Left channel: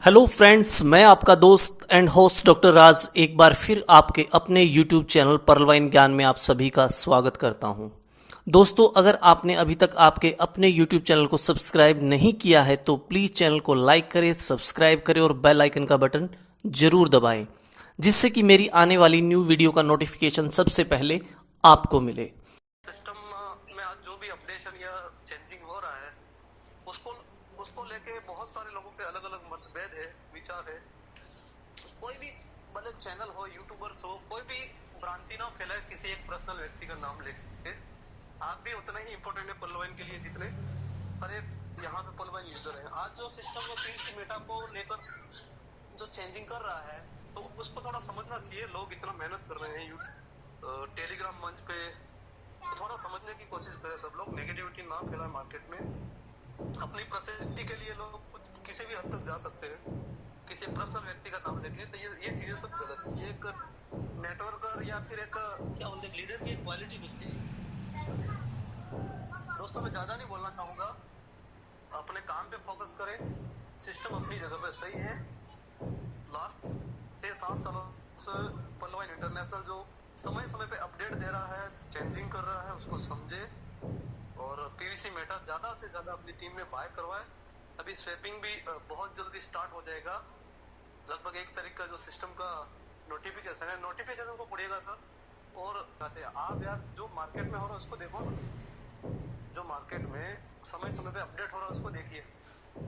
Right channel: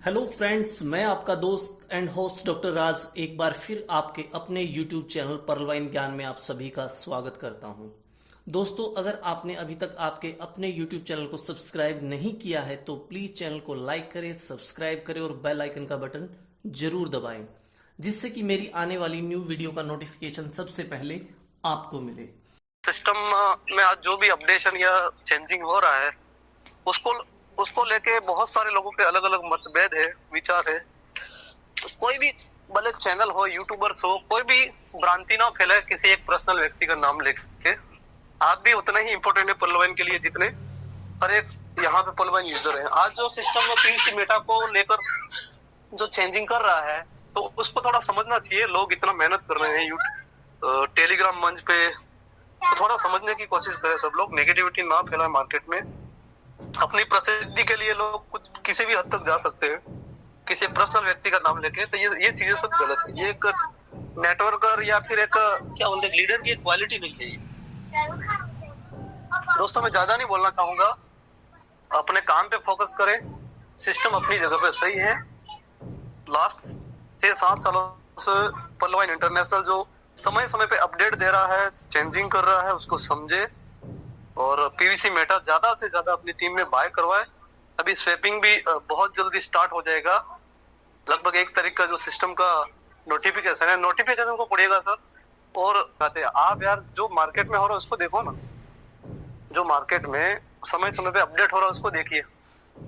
Hello friends, मैं आपका दोस्त एंड होस्ट डॉक्टर राज एक बार फिर आपके अपने यूट्यूब चैनल पर्लवाइन ज्ञान में आप सभी का स्वागत करता हूं। दोस्तों, अगर आपने अभी तक आपके अपने यूट्यूब चैनल को सब्सक्राइब नहीं किया है तो प्लीज़ चैनल को लाइक करें, सब्सक्राइब करें और बेल आइकन का बटन ज़रूर दबाएं, जिससे कि मेरी आने वाली न्यू वीडियो का नोटिफिकेशन सबसे पहले आपको मिले। सिस्टम में आज जो भी अपडेशन या चेंजिंग हो रहा है उसको उसको लेके बहुत सारे लोगों के अलग अलग मतभेद है, विचार है। तो कोई भी भले चैनल हो, यूट्यूबर्स हो, कोई भी भ्रांति ना फैलाए किसी एक पर्सनल व्यक्ति का नाम लेके। आप भी उतना ही इम्पोर्टेंट है पर्लवाइन के लिए जितने हर एक यहाँ पे पर्लवाइन यूजर है। आज जो सिस्टम में पीवीसी मेटा को लेकर जो चेंजिंग कर रहा है तो उसको थोड़ा समझना चाहिए। लोग इतना मेहनत कर रहे हैं टेलीग्राम मंच पे, तो थोड़ा समझने की कोशिश करें। सब लोग नेगेटिविटी ना फैलाए मार्केट में। अपनी प्रसिद्धि के लिए लोग कुछ किसी भी हद तक जा सकते हैं किसी पर्सनल व्यक्ति का नाम लेके। तो ये चीजें सब गलत है। ये एक नेटवर्कर या फिर एक क्या बोलते हैं लीडर की एक क्वालिटी नहीं है ये। दोस्तों, मैं ज्यादा नहीं बोलना चाहूंगा। अपने काम पे फोकस करें। सिस्टम अपनी जगह पे सही है। लास्ट 6-7 सालों से पर्लवाइन इंटरनेशनल जो समय समय पे अपडेट दे रहा है, चेंजिंग कर रहा है, उसको समझे और पीवीसी मेटा ज्यादा से ज्यादा अपनी टीम में बाय करवाए। अभी स्वैपिंग भी बहुत जल्दी स्टार्ट हो जाएगा। लगभग 1 तारीख का जो सिस्टम का नोटिफिकेशन है, नोटिफिकेशन को पढ़िएगा सर। और कहते हैं आप यार जो मार्केट में हो रहा है उसको देखो ना। जो मार्केट में समय समय पे अपडेट हो रहा है उसको देखिए।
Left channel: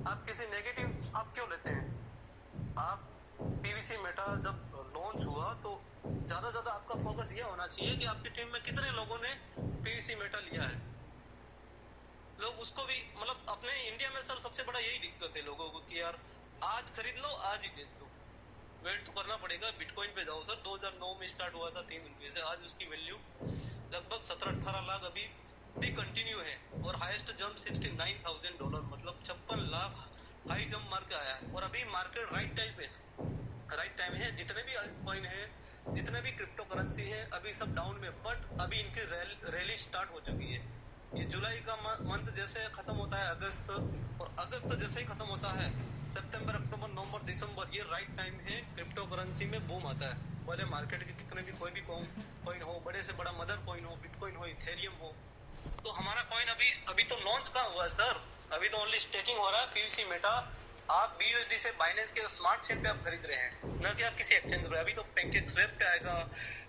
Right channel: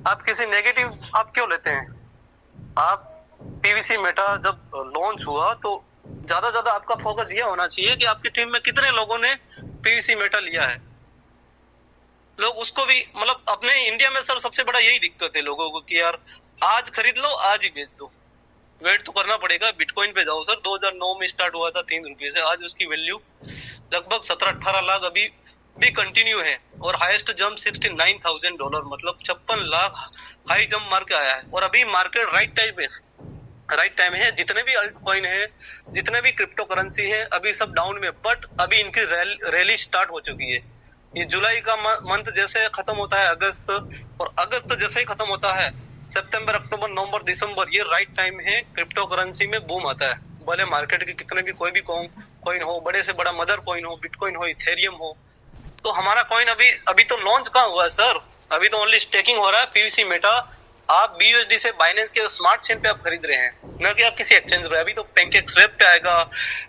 आप किसी नेगेटिव आप क्यों लेते हैं? आप पीवीसी मेटा जब लॉन्च हुआ तो ज्यादा आपका फोकस ये होना चाहिए कि आपकी टीम में कितने लोगों ने पीवीसी मेटा लिया है। लोग उसको भी मतलब अपने इंडिया में सर सबसे बड़ा यही दिक्कत है लोगों को कि यार आज खरीद लो आज ही बेच दो। वेट तो करना पड़ेगा। बिटकॉइन पे जाओ सर, 2009 में स्टार्ट हुआ था 3 रुपये से, आज उसकी वैल्यू लगभग 17-18 लाख अभी भी कंटिन्यू है। और हाईएस्ट जंप $69,000 मतलब 56 लाख हाई जंप मार के आया है। और अभी मार्केट राइट टाइम है। जितने भी अल्ट कॉइन है, जितने भी क्रिप्टो करेंसी है, अभी सब डाउन में, बट अभी इनकी रैली स्टार्ट हो चुकी है। ये जुलाई का मंथ जैसे खत्म होता है अगस्त, और अगस्त जैसे ही खत्म होता है सितंबर, अक्टूबर, नवंबर, दिसंबर, ये राइट टाइम है। क्रिप्टो करेंसी में बूम आता है। भले मार्केट के कितने भी कोई भी कॉइन हो, बड़े से बड़ा मदर कॉइन हो, बिटकॉइन हो, इथेरियम हो, तो हमारा कॉइन अभी तो लॉन्च कहाँ हुआ है सर? अभी तो ओनली स्टेकिंग हो रहा है पीवीसी मेटा। आप BUSD से बाइनेंस के स्मार्ट चेन पे आप खरीद रहे हैं, ना कि आप किसी एक्सचेंज पे। अभी तो पैनकेक स्वैप पे आएगा,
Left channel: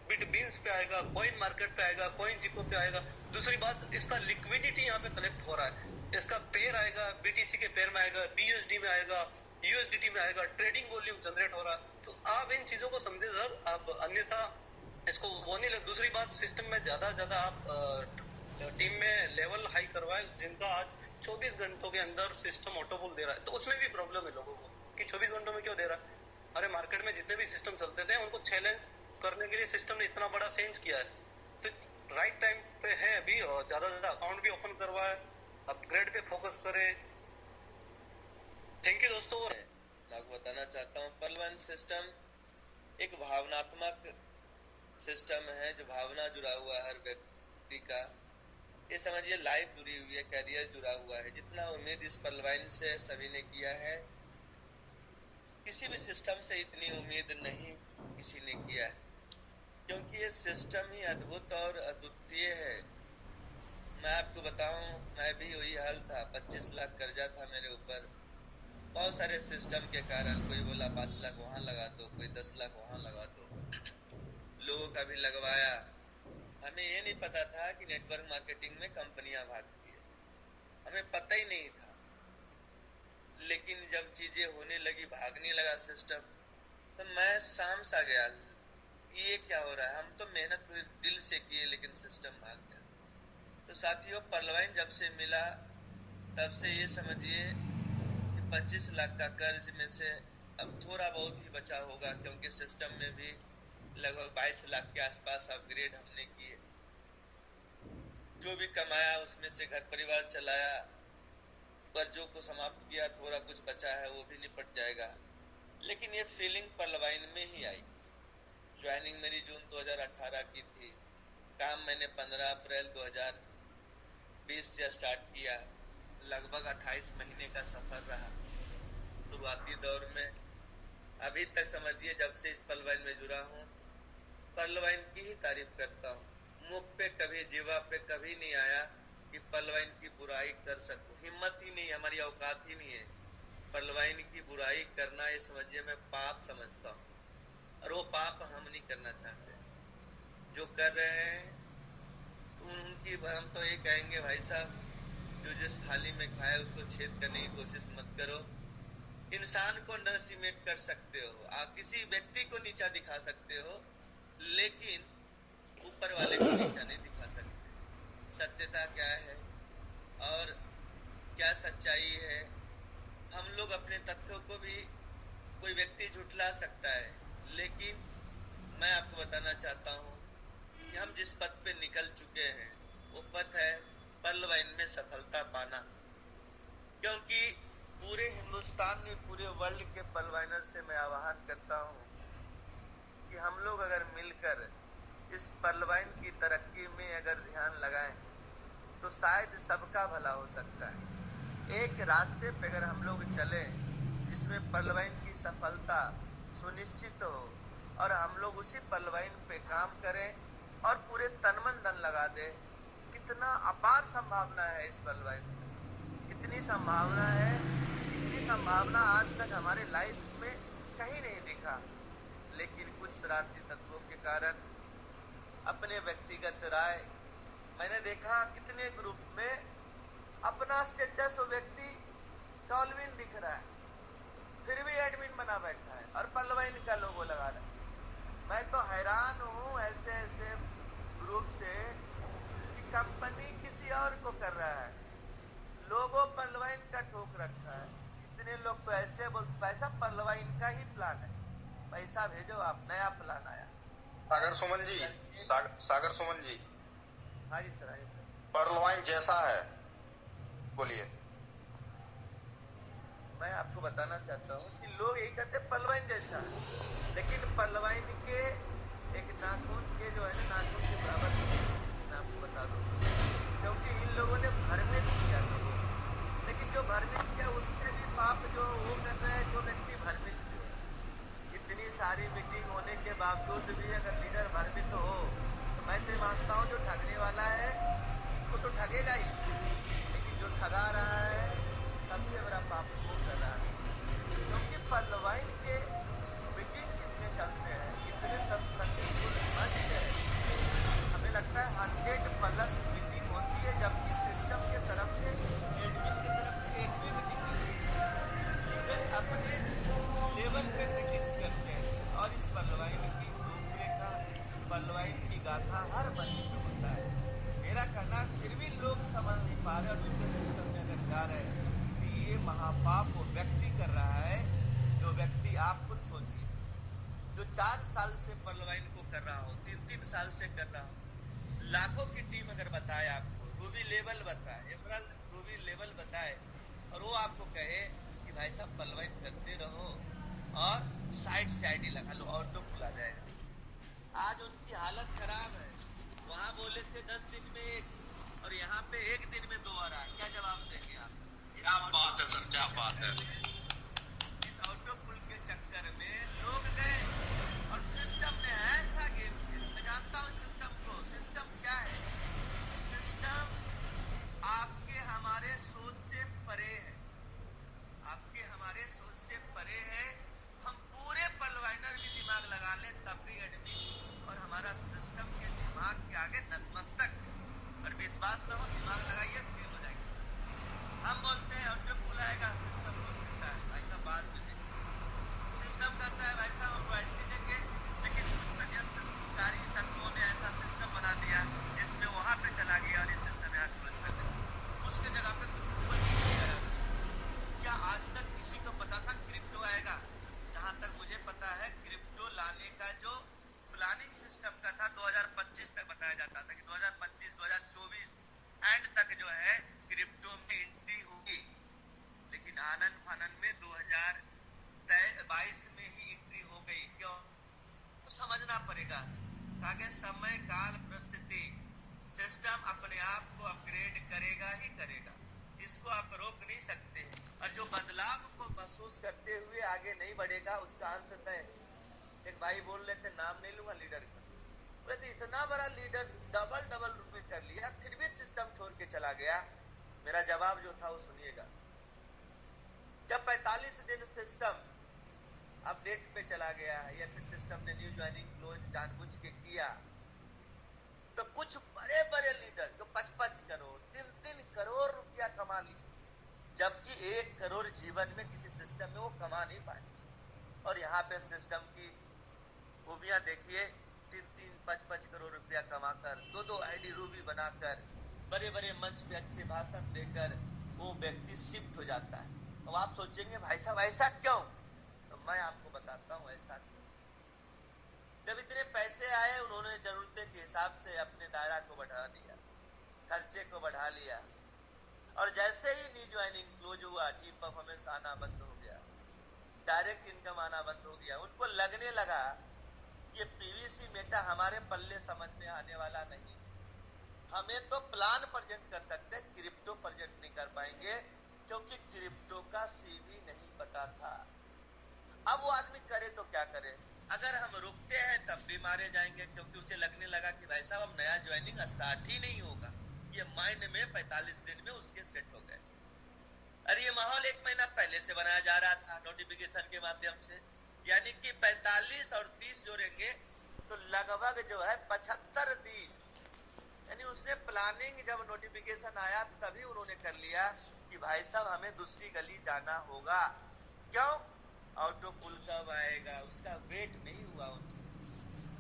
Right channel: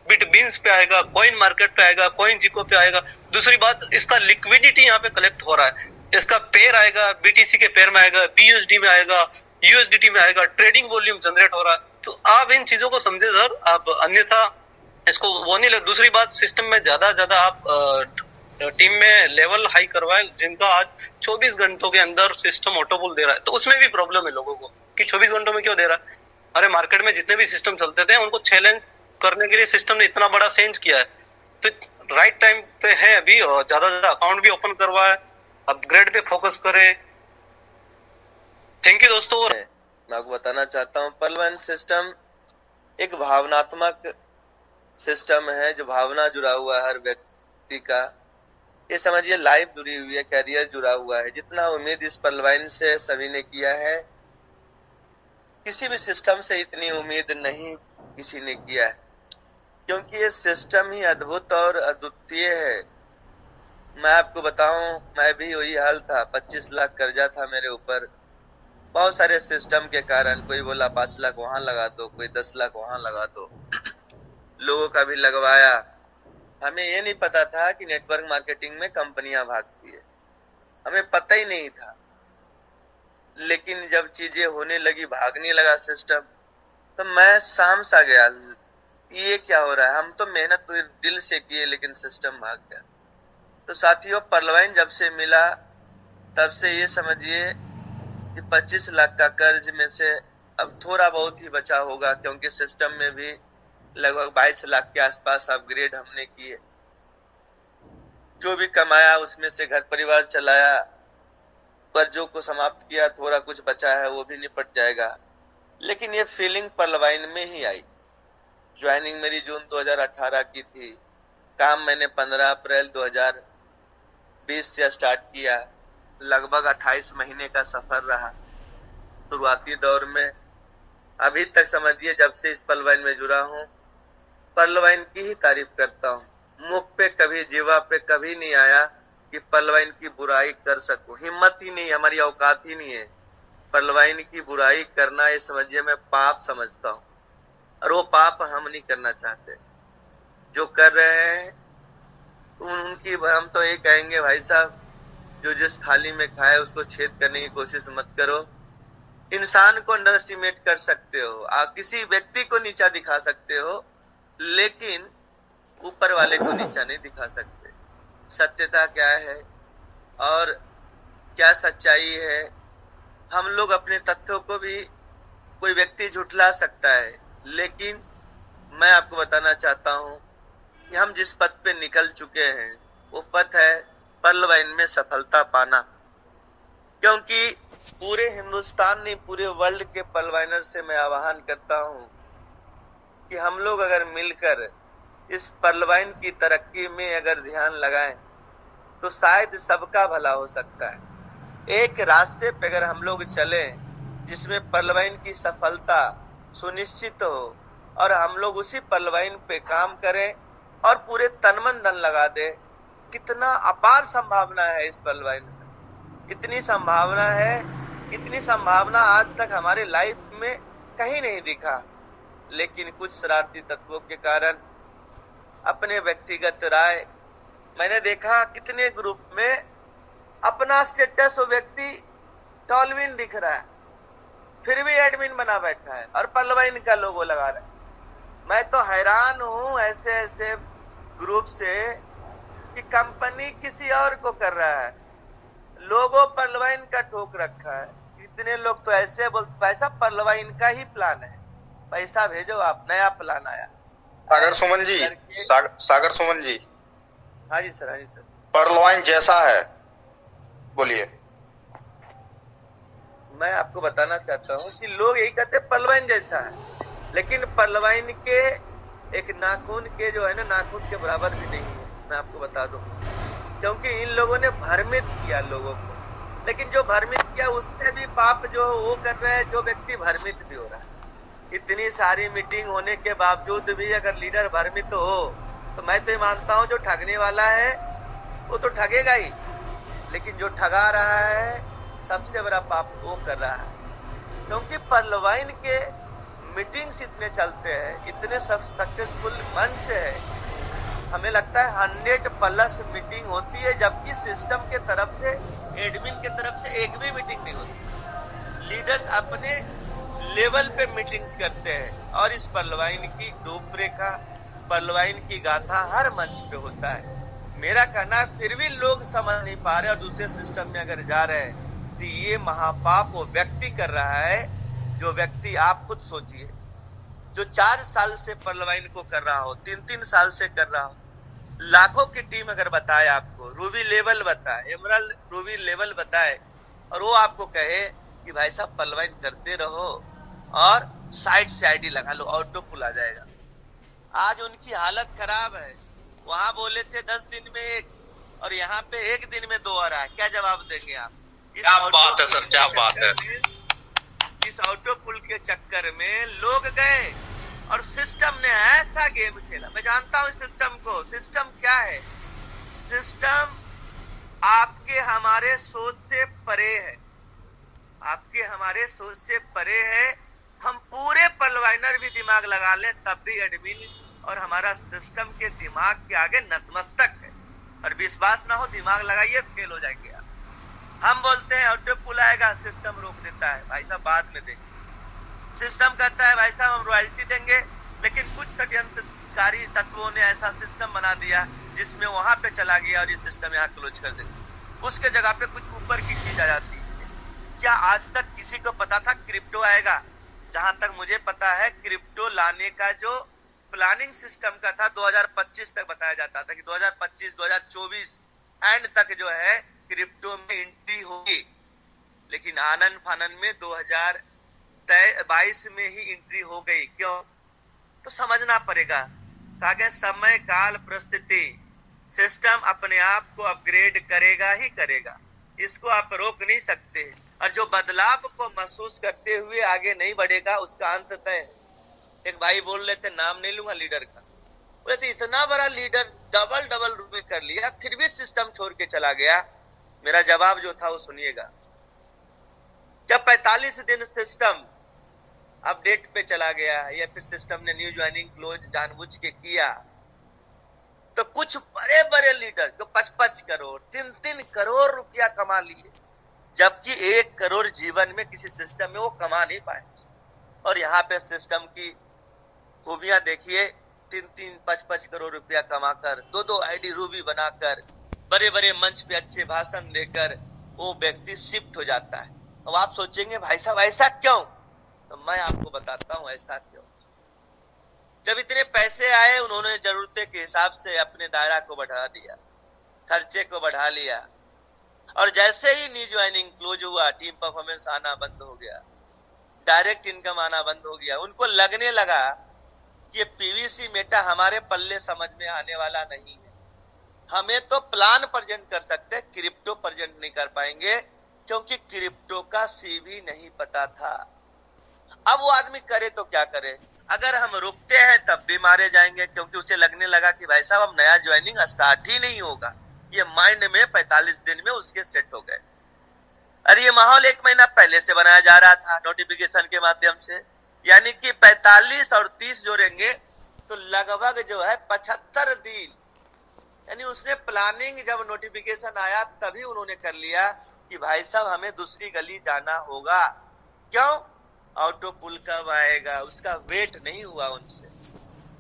बिटबीन्स पे आएगा, कॉइन मार्केट पे आएगा, कॉइन जिको पे आएगा। दूसरी बात, इसका लिक्विडिटी यहाँ पे कलेक्ट हो रहा है। इसका पेयर आएगा, BTC के पेयर में आएगा, BUSD में आएगा, USDT में आएगा, ट्रेडिंग वॉल्यूम जनरेट हो रहा है। तो आप इन चीजों को समझे सर, आप अन्यथा इसको वो नहीं लग। दूसरी बात, सिस्टम में ज्यादा आप टीम में लेवल हाई करवाए जिनका आज 24 घंटों के अंदर सिस्टम ऑटोपुल दे रहा है। तो उसमें भी प्रॉब्लम है लोगों को कि 24 घंटों में क्यों दे रहा है। अरे मार्केट में जितने भी सिस्टम चलते थे उनको चैलेंज करने के लिए सिस्टम ने इतना बड़ा चेंज किया है। तो राइट टाइम पे है अभी, और ज्यादा अकाउंट भी ओपन करवाए, अपग्रेड पे फोकस करे। थैंक यू दोस्तों। मैं आपको बताना चाहता हूँ, पर्लवाइन सिस्टम एक भावनात्मक सिस्टम है जो भावना जुड़ा हुआ है हर व्यक्ति का। ये समझिए लाइफ जुड़ी हुई है, कैरियर जुड़ा हुआ है। जितना उम्मीद इस पर्लवाइन से सभी ने किया है, किसी भी सिस्टम से इतनी उम्मीद नहीं किसी ने किया है, क्योंकि ये सिस्टम ही अद्भुत और अद्वितीय है। मैं आपको बताऊं, मैं भी वही हाल था। 25 लाख कर्जा था मेरे ऊपर, बहुत सारे सिस्टम के कारण। कोई बोला 5 लाख वहां लगा दो, कोई 10 लाख वहां लगा दो, लोगों का भी लगवाया। हमें ये नहीं पता था कि नेटवर्क मार्केटिंग में कंपनियां भागती है, हमें पता ही नहीं था। लेकिन जब चीजें होने लगी, भागने लगा सिस्टम, तो मैं शाम सा गया, ये क्या हो रहा है? हम तो मेहनत तो दिल से किए लेकिन सिस्टम भाग गया। तो साथियों, पर्लवाइन जब से मिला तब से ये समझिए कि 25 लाख का कर्ज में से अब थोड़ा बहुत ही बचा होगा, क्योंकि सिस्टम में भी लगभग 22 लाख के आसपास अपग्रेड हमने किए। जो भी कमाया उसमें से घर परिवार चलाया, कर्जों को समाप्त किया, थोड़ा कुछ बचा है वो भी निपट जाएगा। लेकिन ये फीलिंग पर्लवाइन में ही आई। ज्वाइनिंग मेरी जून 2018 की थी। काम मैंने 15 अप्रैल 2020 से स्टार्ट किया। लगभग 28 महीने का सफर रहा। शुरुआत शुरुआती दौर में, अभी तक समझिए जब से इस पलवाइन में जुड़ा हूँ, पलवाइन की ही तारीफ करता हूँ। मुख पे कभी, जीवा पे कभी नहीं आया कि पलवाइन की बुराई कर सकूं। हिम्मत ही नहीं, हमारी औकात ही नहीं है। पलवाइन की बुराई करना ये समझिए मैं पाप समझता हूँ, और वो पाप हम नहीं करना चाहते। जो कर रहे हैं उनकी हम तो ये कहेंगे, भाई साहब जो जिस थाली में खाए उसको छेद करने की कोशिश मत करो। इंसान को अंडर एस्टिमेट कर सकते हो, आप किसी व्यक्ति को नीचा दिखा सकते हो, लेकिन ऊपर वाले को नीचा नहीं दिखा सकते। सत्यता क्या है और क्या सच्चाई है, हम लोग अपने तथ्यों को भी कोई व्यक्ति झुठला सकता है, लेकिन मैं आपको बताना चाहता हूं कि हम जिस पथ पे निकल चुके हैं वो पथ है पलवाइन में सफलता पाना। क्योंकि पूरे हिंदुस्तान नहीं, पूरे वर्ल्ड के पलवाइनर से मैं आह्वान करता हूं कि हम लोग अगर मिलकर इस पलवाइन की तरक्की में अगर ध्यान लगाएं तो शायद सबका भला हो सकता है। एक रास्ते पे अगर हम लोग चले जिसमें पलवाइन की सफलता सुनिश्चित हो और हम लोग उसी पलवाइन पे काम करें और पूरे तन मन धन लगा दे, कितना अपार संभावना है इस पलवाइन में। इतनी संभावना है, इतनी संभावना आज तक हमारे लाइफ में कहीं नहीं दिखा, लेकिन कुछ शरारती तत्वों के कारण अपने व्यक्तिगत राय, मैंने देखा कितने ग्रुप में अपना स्टेटस वो व्यक्ति टॉलविन दिख रहा है, फिर भी एडमिन बना बैठा है और पलवाइन का लोगो लगा रहा है। मैं तो हैरान हूं ऐसे ऐसे ग्रुप से कि कंपनी किसी और को कर रहा है, लोगो पलवाइन का ठोक रखा है। इतने लोग तो ऐसे बोलते पैसा पलवाइन का ही प्लान है, पैसा भेजो आप, नया प्लान आया। सागर सुमन जी, सागर सुमन जी। हाँ जी सर, हाँ जी सर। पलवाइन जैसा है, बोलिए। मैं आपको बताना चाहता हूँ कि लोग यही कहते हैं पलवाइन जैसा है, लेकिन पलवाइन के एक नाखून के जो है ना, नाखून के बराबर भी नहीं। मैं आपको बता दूं, क्योंकि इन लोगों ने भ्रमित किया लोगों को, लेकिन जो भ्रमित किया उससे भी पाप जो वो कर रहे हैं जो व्यक्ति भ्रमित भी हो रहा है। इतनी सारी मीटिंग होने के बावजूद भी अगर लीडर भ्रमित हो तो मैं तो ये मानता हूँ जो ठगने वाला है वो तो ठगेगा ही, लेकिन जो ठगा रहा है सबसे बड़ा पाप वो कर रहा है। क्योंकि पलवाइन के मीटिंग्स इतने चलते हैं, इतने सक्सेसफुल मंच है, हमें लगता है 100+ मीटिंग होती है, जबकि सिस्टम के तरफ से, एडमिन के तरफ से एक भी मीटिंग नहीं होती। लीडर्स अपने लेवल पे मीटिंग्स करते हैं और इस पलवाइन की रूपरेखा, पलवाइन की गाथा हर मंच पे होता है। मेरा कहना है फिर भी लोग समझ नहीं पा रहे और दूसरे सिस्टम में अगर जा रहे हैं तो ये महापाप वो व्यक्ति कर रहा है जो व्यक्ति, आप खुद सोचिए, जो 4 साल से पलवाइन को कर रहा हो, 3-3 साल से कर रहा हो, लाखों की टीम अगर बताए आपको, रूबी लेवल बताए, एमराल्ड रूबी लेवल बताए, और वो आपको कहे कि भाई साहब पलवाइन करते रहो और साइड से आईडी लगा लो, ऑटो पुल आ जाएगा। आज उनकी हालत खराब है। वहां बोले थे 10 दिन में 1 और यहाँ पे 1 दिन में 2 आ रहा है। क्या जवाब देंगे आप? क्या बात है सर, क्या बात है। इस ऑटो पुल के चक्कर में लोग गए और सिस्टम ने ऐसा गेम खेला। मैं जानता हूँ सिस्टम को। सिस्टम क्या है? सिस्टम आपके हमारे सोच से परे है, आपके हमारे सोच से परे है। हम पूरे पलवाइनर भी दिमाग लगा लें तब भी एडमिन और हमारा सिस्टम के दिमाग के आगे नतमस्तक है। और विश्वास ना हो, दिमाग लगाइए, फेल हो जाएंगे आप। हम बोलते हैं ऑटो पुल आएगा, सिस्टम रोक देता है। भाई साहब बाद में देखिए, सिस्टम कहता है भाई साहब हम रॉयल्टी देंगे, लेकिन कुछ षड्यंत्रकारी तत्वों ने ऐसा सिस्टम बना दिया जिसमें वहां पे चला गया और ये सिस्टम यहाँ क्लोज कर देते, उसके जगह पे कुछ ऊपर की चीज आ जाती है। क्या आज तक किसी को पता था क्रिप्टो आएगा? जहां तक मुझे पता है क्रिप्टो लाने का जो प्लानिंग सिस्टम का था 2025 तक बताया जाता था कि 2025-2024 एंड तक जो है क्रिप्टो में एंट्री होगी, लेकिन आनन फानन में 2022 में ही एंट्री हो गई। क्यों? तो समझना पड़ेगा। ताकि समय काल परिस्थिति, सिस्टम अपने आप को अपग्रेड करेगा ही करेगा, इसको आप रोक नहीं सकते। और जो बदलाव को महसूस करते हुए आगे नहीं बढ़ेगा उसका अंत तय है। एक भाई बोल रहे थे, नाम नहीं लूंगा लीडर का, बोले थे इतना बड़ा लीडर डबल रूपी कर लिया फिर भी सिस्टम छोड़ के चला गया। मेरा जवाब जो था वो सुनिएगा। जब 45 दिन सिस्टम अपडेट पे चला गया या फिर सिस्टम ने न्यू ज्वाइनिंग क्लोज जानबूझ के किया, तो कुछ बड़े बड़े लीडर जो 55 करोड़ 3-3 करोड़ रुपया कमा लिए, जबकि 1 करोड़ जीवन में किसी सिस्टम में वो कमा नहीं पाए। और यहाँ पे सिस्टम की खूबियां देखिए, 3-3 5-5 करोड़ रुपया कमाकर 2-2 आईडी रूबी बनाकर बड़े बड़े मंच पे अच्छे भाषण देकर वो व्यक्ति शिफ्ट हो जाता है। अब आप सोचेंगे भाई साहब ऐसा क्यों, तो मैं आपको बताता हूँ ऐसा क्यों। जब इतने पैसे आए उन्होंने जरूरतें के हिसाब से अपने दायरा को बढ़ा दिया, खर्चे को बढ़ा लिया, और जैसे ही न्यू ज्वाइनिंग क्लोज हुआ टीम परफॉर्मेंस आना बंद हो गया, डायरेक्ट इनकम आना बंद हो गया। उनको लगने लगा कि ये पीवीसी मेटा हमारे पल्ले समझ में आने वाला नहीं है, हमें तो प्लान प्रेजेंट कर सकते, क्रिप्टो प्रेजेंट नहीं कर पाएंगे क्योंकि क्रिप्टो का सीवी नहीं पता था। अब वो आदमी करे तो क्या करे, अगर हम रुकते हैं तब भी मारे जाएंगे, क्योंकि उसे लगने लगा कि भाई साहब अब नया ज्वाइनिंग स्टार्ट ही नहीं होगा। ये माइंड में 45 दिन में उसके सेट हो गए। अरे ये माहौल 1 महीना पहले से बनाया जा रहा था नोटिफिकेशन के माध्यम से, यानी कि 45 और 30 जोड़ेंगे तो लगभग जो है 75 दिन, यानी उसने प्लानिंग जब नोटिफिकेशन आया तभी उन्होंने कर लिया कि भाई साहब हमें दूसरी गली जाना होगा। क्यों, ऑटो पुल कब आएगा उसका वेट नहीं हुआ उनसे,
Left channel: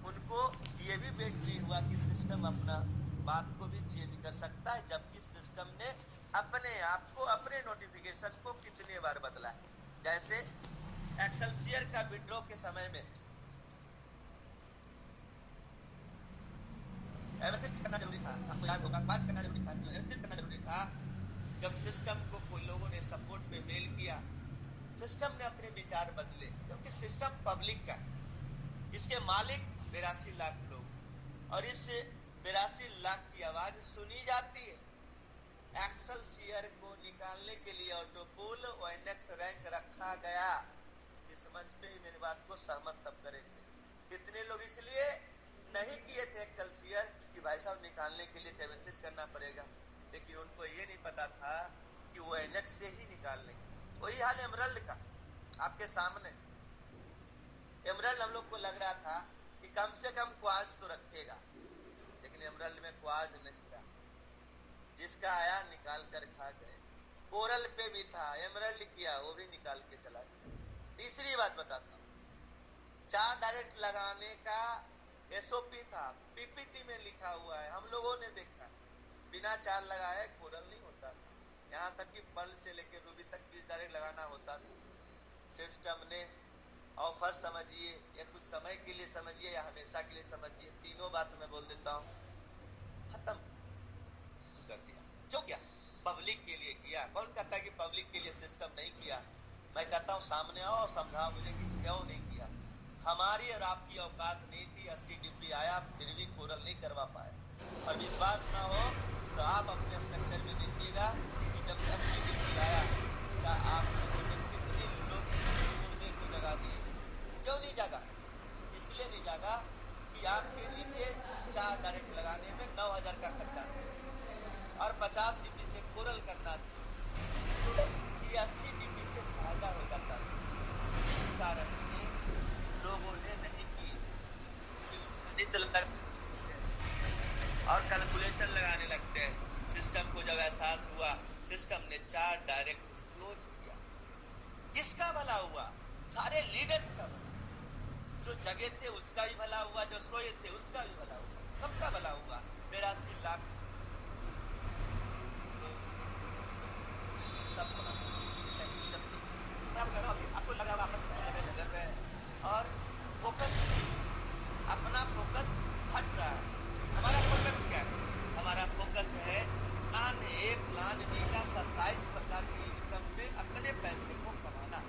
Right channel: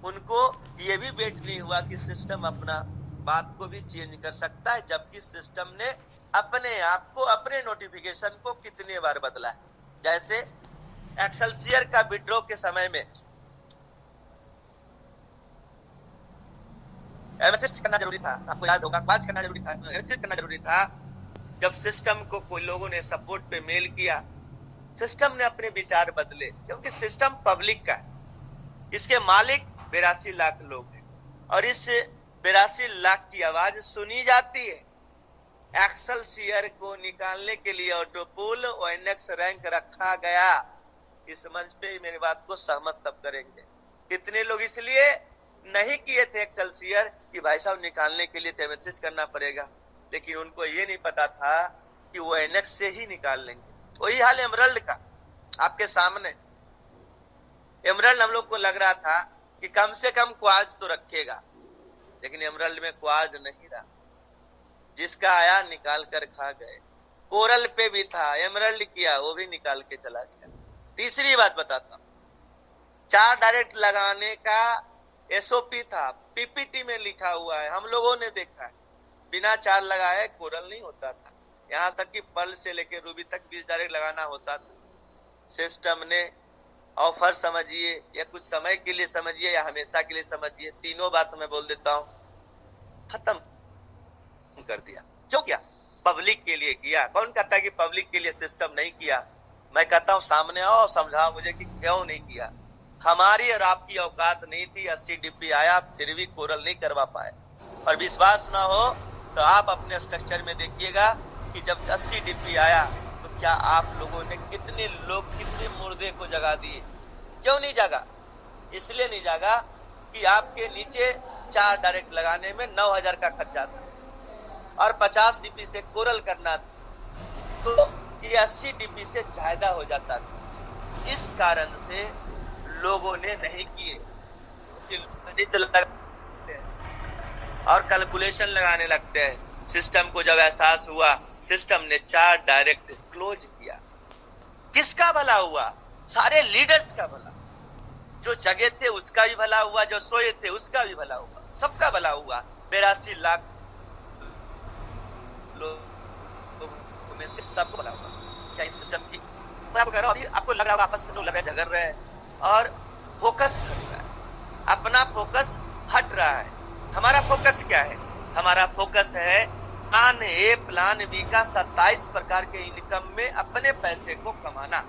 उनको ये भी वेट नहीं हुआ कि सिस्टम अपना बात को भी चेंज कर सकता है, जबकि सिस्टम ने अपने आप को अपने नोटिफिकेशन को कितने बार बदला है। जैसे एक्सेलसियर का विड्रॉ के समय में एमेथिस्ट करना जरूरी था, आपको याद होगा, क्वार्ट्ज करना जरूरी था, एमेथिस्ट करना जरूरी था। जब सिस्टम को कोई लोगों ने सपोर्ट पे मेल किया, सिस्टम ने अपने विचार बदले, क्योंकि सिस्टम पब्लिक का है, इसके मालिक 82 लाख लोग हैं और इस 82 लाख की आवाज सुनी जाती है। एक्सेलसियर को निकालने के लिए ऑटोपुल ओएनएक्स रैंक रखा गया। इस मंच पे मेरी बात को सहमत सब करेंगे। कितने लोग इसलिए नहीं किए थे एक्सेलसियर कि भाई साहब निकालने के लिए एमेथिस्ट करना पड़ेगा, लेकिन उनको ये नहीं पता था कि वो ओएनएक्स से ही निकाल लेंगे। वही हाल एमरल्ड का आपके सामने। एमरल्ड हम लोग को लग रहा था कि कम से कम क्वार्ट्ज तो रखेगा, लेकिन एमरल्ड में क्वार्ट्ज नहीं रहा, जिसका आया निकाल कर खा गए। कोरल पे भी था, एमरल्ड किया, वो भी निकाल के चला गया। तीसरी बात बताता हूं, 4 डायरेक्ट लगाने का एसओपी था, पीपीटी में लिखा हुआ है, हम लोगों ने देखा है। बिना 4 लगाए कोरल नहीं होता था, यहाँ तक कि पर्ल से लेके रूबी तक 20 डायरेक्ट लगाना होता था। सिस्टम ने ऑफर समझिए या कुछ समय के लिए समझिए या हमेशा के लिए समझिए, तीनों बात मैं बोल देता हूं, खत्म कर दिया। क्यों किया? पब्लिक के लिए किया। कौन कहता है कि पब्लिक के लिए सिस्टम नहीं किया? मैं कहता हूं सामने आओ, समझाओ मुझे कि क्यों नहीं किया। हमारी और आपकी औकात नहीं थी, 80 डिब्बी आया फिर भी कोरल नहीं करवा पाए। और विश्वास ना हो तो आप अपने स्ट्रक्चर में देखिएगा कि जब 80 डिब्बी आया तो क्या आप लोगों ने कितने मुर्दे को जगा दिए। क्यों नहीं जागा? इसलिए नहीं जागा कि आपके नीचे 4 डायरेक्ट लगाने में 9000 का खर्चा था और 50 डीपी से कोरल करना तो ये 80 डीपी से ज्यादा हो जाता था। इस कारण से लोगों ने नहीं किए और कैलकुलेशन लगाने लगते हैं। सिस्टम को जब एहसास हुआ, सिस्टम ने 4 डायरेक्ट क्लोज किया। किसका भला हुआ? सारे लीडर्स का भला। जो जगे थे उसका भी भला हुआ, जो सोए थे उसका भी भला हुआ, सबका भला हुआ। 82 लाख लोग में से सबको भला हुआ। क्या इस सिस्टम की मैं आपको कह रहा हूं, आपको लग रहा होगा आपस में लोग लग रहे झगड़ रहे हैं और फोकस अपना फोकस हट रहा है। हमारा फोकस क्या है? हमारा फोकस है प्लान ए प्लान बी का 27 प्रकार के इनकम में अपने पैसे को कमाना।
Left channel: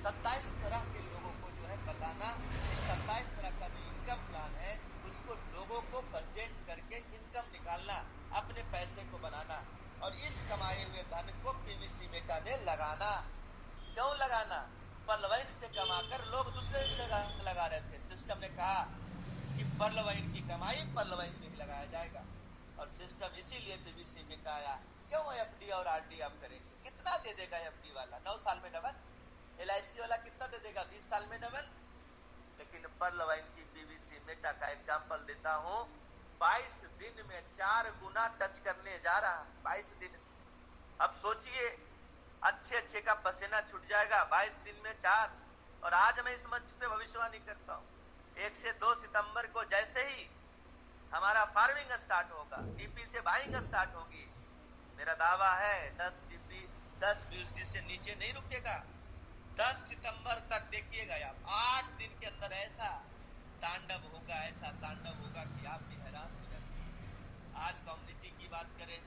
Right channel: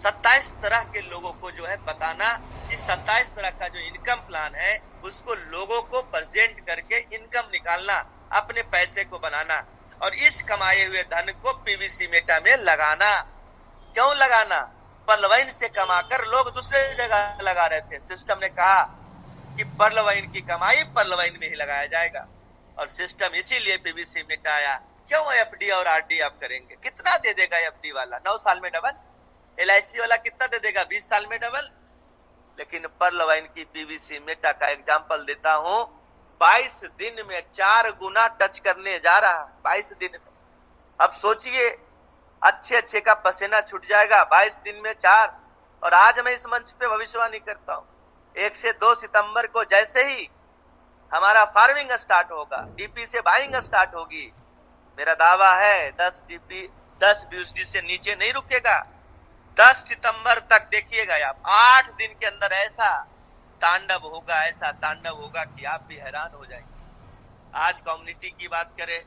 27 तरह के लोगों को जो है बताना कि 27 तरह का जो इनकम प्लान है उसको लोगों को प्रेजेंट करके इनकम निकालना, अपने पैसे को बनाना। और इस कमाए हुए धन को पीवीसी मेटा में लगाना। क्यों लगाना? पर्ल वाइन से कमाकर लोग दूसरे जगह लगा रहे थे। सिस्टम ने कहा कि पर्ल वाइन की कमाई पर्ल वाइन में ही लगाया जाएगा, और सिस्टम इसीलिए पीवीसी मेटा आया। क्यों एफडी और आरडी आप करेंगे? कितना दे देगा एफडी वाला? 9 साल में डबल। एलआईसी वाला कितना दे देगा? 20 साल में डबल। लेकिन पर्ल वाइन की पीवीसी मेटा का एग्जांपल देता हूं, 22 दिन में 4 गुना टच करने जा रहा। 22 दिन में। अब सोचिए, अच्छे का पसीना छूट जाएगा 22 दिन में 4। और आज मैं इस मंच पे भविष्यवाणी करता हूं, 1 से 2 सितंबर को जैसे ही हमारा फार्मिंग स्टार्ट होगा, डीपी से बाइंग स्टार्ट होगी, मेरा दावा है 10 डीपी 10 यूएसडी से नीचे नहीं रुकेगा। 10 सितंबर तक देखिएगा आप, 8 दिन के अंदर ऐसा तांडव होगा कि आप भी हैरान हो जाएंगे। आज कम्युनिटी की बात करें,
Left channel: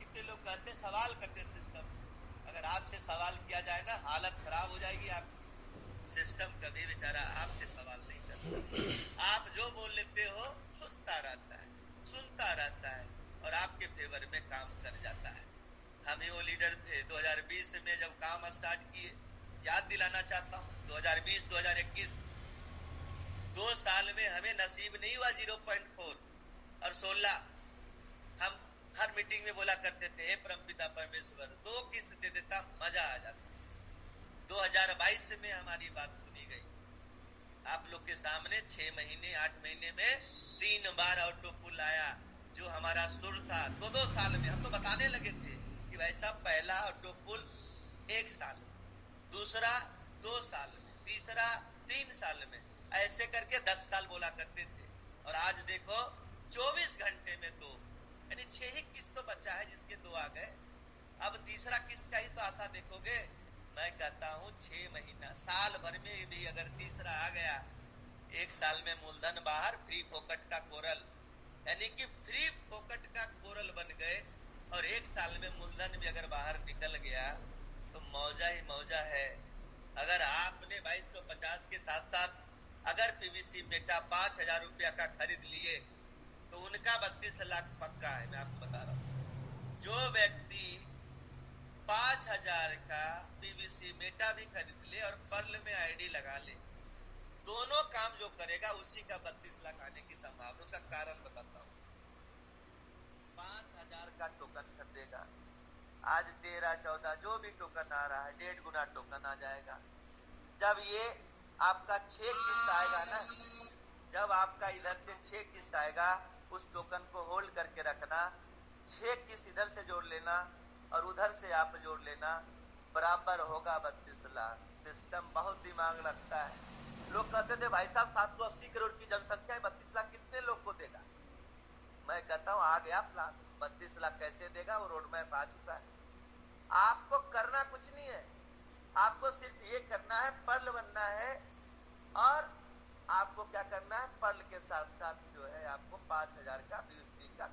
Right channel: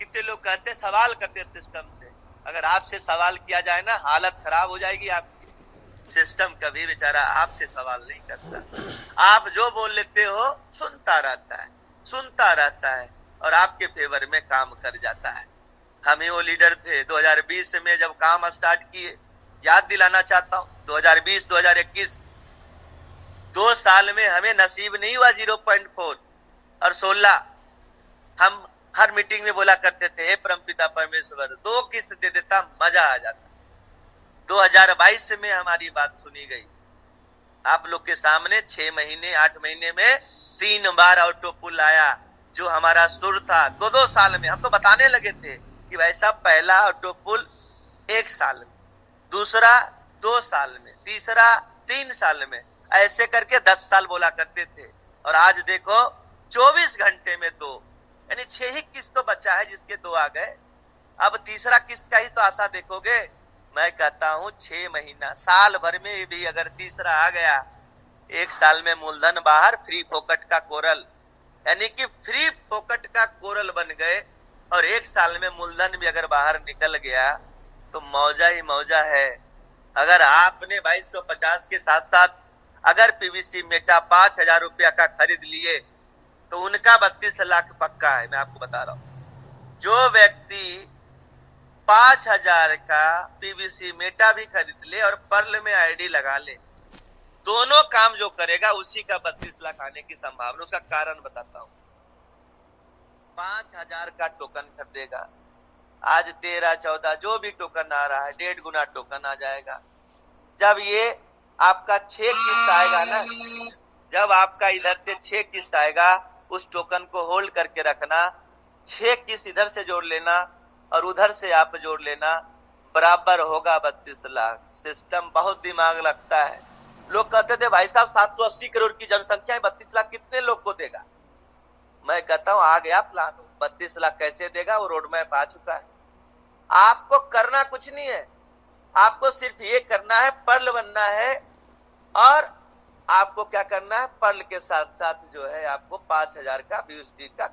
कितने लोग कहते सवाल करते सिस्टम से। अगर आपसे सवाल किया जाए ना, हालत खराब हो जाएगी आपकी। सिस्टम कभी बेचारा आपसे सवाल नहीं करता। आप जो बोल लेते हो सुनता रहता है और आपके फेवर में काम कर जाता है। हम ही वो लीडर थे 2020 में जब काम स्टार्ट किए। याद दिलाना चाहता हूं, 2020-2021 2 साल में हमें नसीब नहीं हुआ 0.4 और 16। हम हर मीटिंग में बोला करते थे, हे परमपिता परमेश्वर 2 किस्त दे देता मजा आ जाता। 2022 में हमारी बात सुनी गई। आप लोग के सामने 6 महीने 8 महीने में 3 बार ऑटो पुल आया। जो हमारा सुर था 2-2 साल में, हम तो बताने लगे थे कि वैसा पहला ऑटो पुल 1 साल में, दूसरा 2 साल में, तीसरा 3 साल में, ऐसे करके 10 साल बोला करते थे। और आज देखो 24 घंटे में 2, यानी 6 ही किस्त तो बचा है जिसके 2 आ गए। अब तीसरा किस्त का ही तो आशा देखोगे। मैं कहता हूं 6 महीना, साल भर में भी अगर तीसरा आ गया, 1 साल में मूलधन बाहर, फ्री फोकट का कोरल, यानी कि फ्री फोकट का कोरल बन गए। और 1 साल में मूलधन भी अगर बाहर निकल गया तो मौजा ही मौजा है। अगर आपने 2250 के साथ साथ अगर पीवीसी मेटा 5000 रुपया का खरीद लिए तो उनका 32 लाख पक्का है। मैं आपको बता रहा हूं, जो व्यक्ति 5000 का पीवीसी मेटा भी खरीद ले और पर्ल में आईडी लगा ले, दोनों काम जो करेगा उसी का 32 लाख आने की संभावना। उसका कारण बताता हूं। 5000 का टोकन खरीदेगा, आज 13-14 जो भी टोकन आ रहा है 1.5 गुना टोकन आ जाएगा। जब ये आपका 6 किस्त आएगा ना, जब आपका इधर से 6 किस्त आएगा, उस टोकन को होल्ड करके रखना। 6 किस्त इधर से जोड़ लेना और उधर से आप जोड़ लेना, बराबर होगा 32 लाख। सिस्टम बहुत दिमाग लगता है। लोग कहते थे भाई साहब 780 करोड़ की जनसंख्या है, 32 लाख कितने लोग को देगा? मैं कहता हूं आ गया प्लान। 32 लाख कैसे देगा? वो रोड मैप आ चुका है। आपको करना कुछ नहीं है, आपको सिर्फ ये करना है, पर्ल बनना है। और आपको क्या करना है, पर्ल के साथ साथ जो है आपको 5000 का यूएसडी का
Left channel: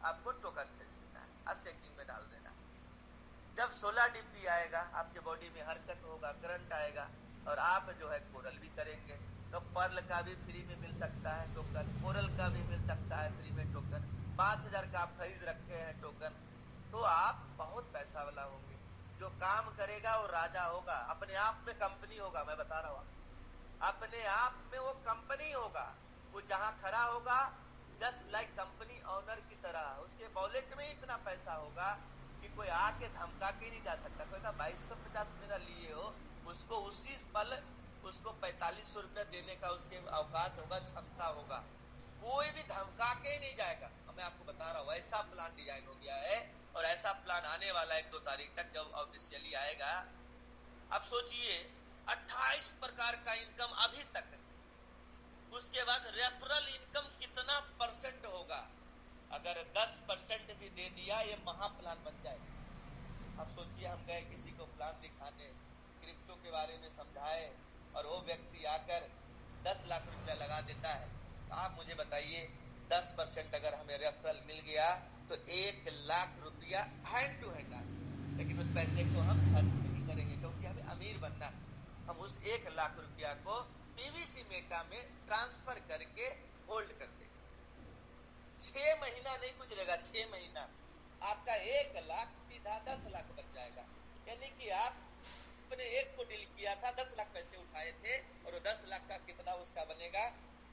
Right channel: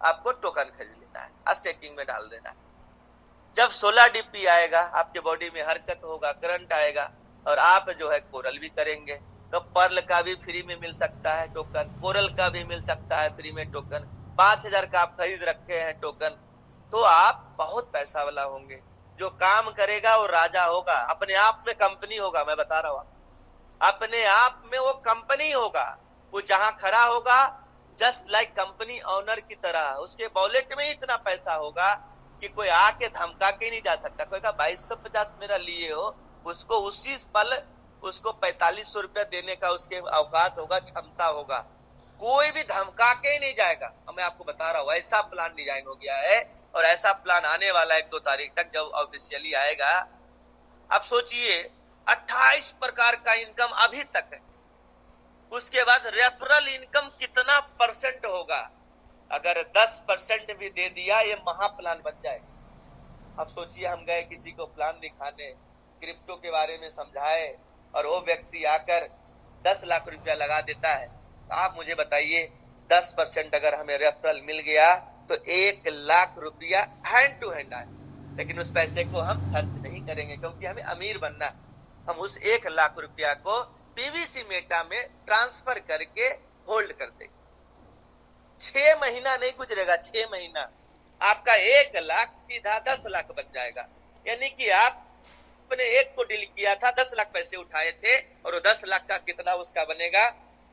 आपको टोकन खरीद लेना है, स्टेकिंग में डाल देना है। जब 16 डीपी आएगा, आपके बॉडी में हरकत होगा, करंट आएगा और आप जो है कोरल भी करेंगे, तो पर्ल का भी फ्री में मिल सकता है टोकन, कोरल का भी मिल सकता है फ्री में टोकन। 5000 का आप खरीद रखे हैं टोकन, तो आप बहुत पैसा वाला होंगे। जो काम करेगा वो राजा होगा, अपने आप में कंपनी होगा। मैं बता रहा हूं, अपने आप में वो कंपनी होगा। वो जहां खड़ा होगा जस्ट लाइक कंपनी ओनर की तरह, उसके वॉलेट में इतना पैसा होगा कि कोई आके धमका के नहीं जा सकता। कोई कहा 2250 मेरा लिए हो, उसको उसी पल उसको 4500 रुपया देने का उसके औकात होगा, क्षमता होगा। कोई भी धमका के ही नहीं जाएगा। मैं आपको बता रहा हूँ, ऐसा प्लान डिजाइन हो गया है और ऐसा प्लान आने वाला है 1-2 तारीख तक जब ऑफिशियली आएगा। अब सोचिए 28 प्रकार का इनकम अभी तक है, उसके बाद रेफरल इनकम कितना % होगा? अगर 10% भी दे दिया ये महा प्लान बन जाएगा। अब सोचिए हम गए किसी को प्लान दिखाने, क्रिप्टो के बारे में समझाए और वो व्यक्ति आकर 10 लाख रुपया लगा देता है। आप मुझे बताइए 10% अगर हमें रेफरल मिल गया तो 1 लाख रुपया हैंड टू हैंड आए, लेकिन उस पैसे को हम खर्च नहीं करेंगे क्योंकि हमें अमीर बनना है। हम उस 1 लाख रुपया को पीवीसी मेटा में ट्रांसफर करके होल्ड कर देंगे। 6 महीना नहीं गुजरेगा, 6 महीना आपका 1 लाख सीधा 10 लाख बन जाएगा। यानी कि आपने एक को डील किया था, 10 लाख पैसे उठाए थे, और वो 10 लाख का कितना उसका बनेगा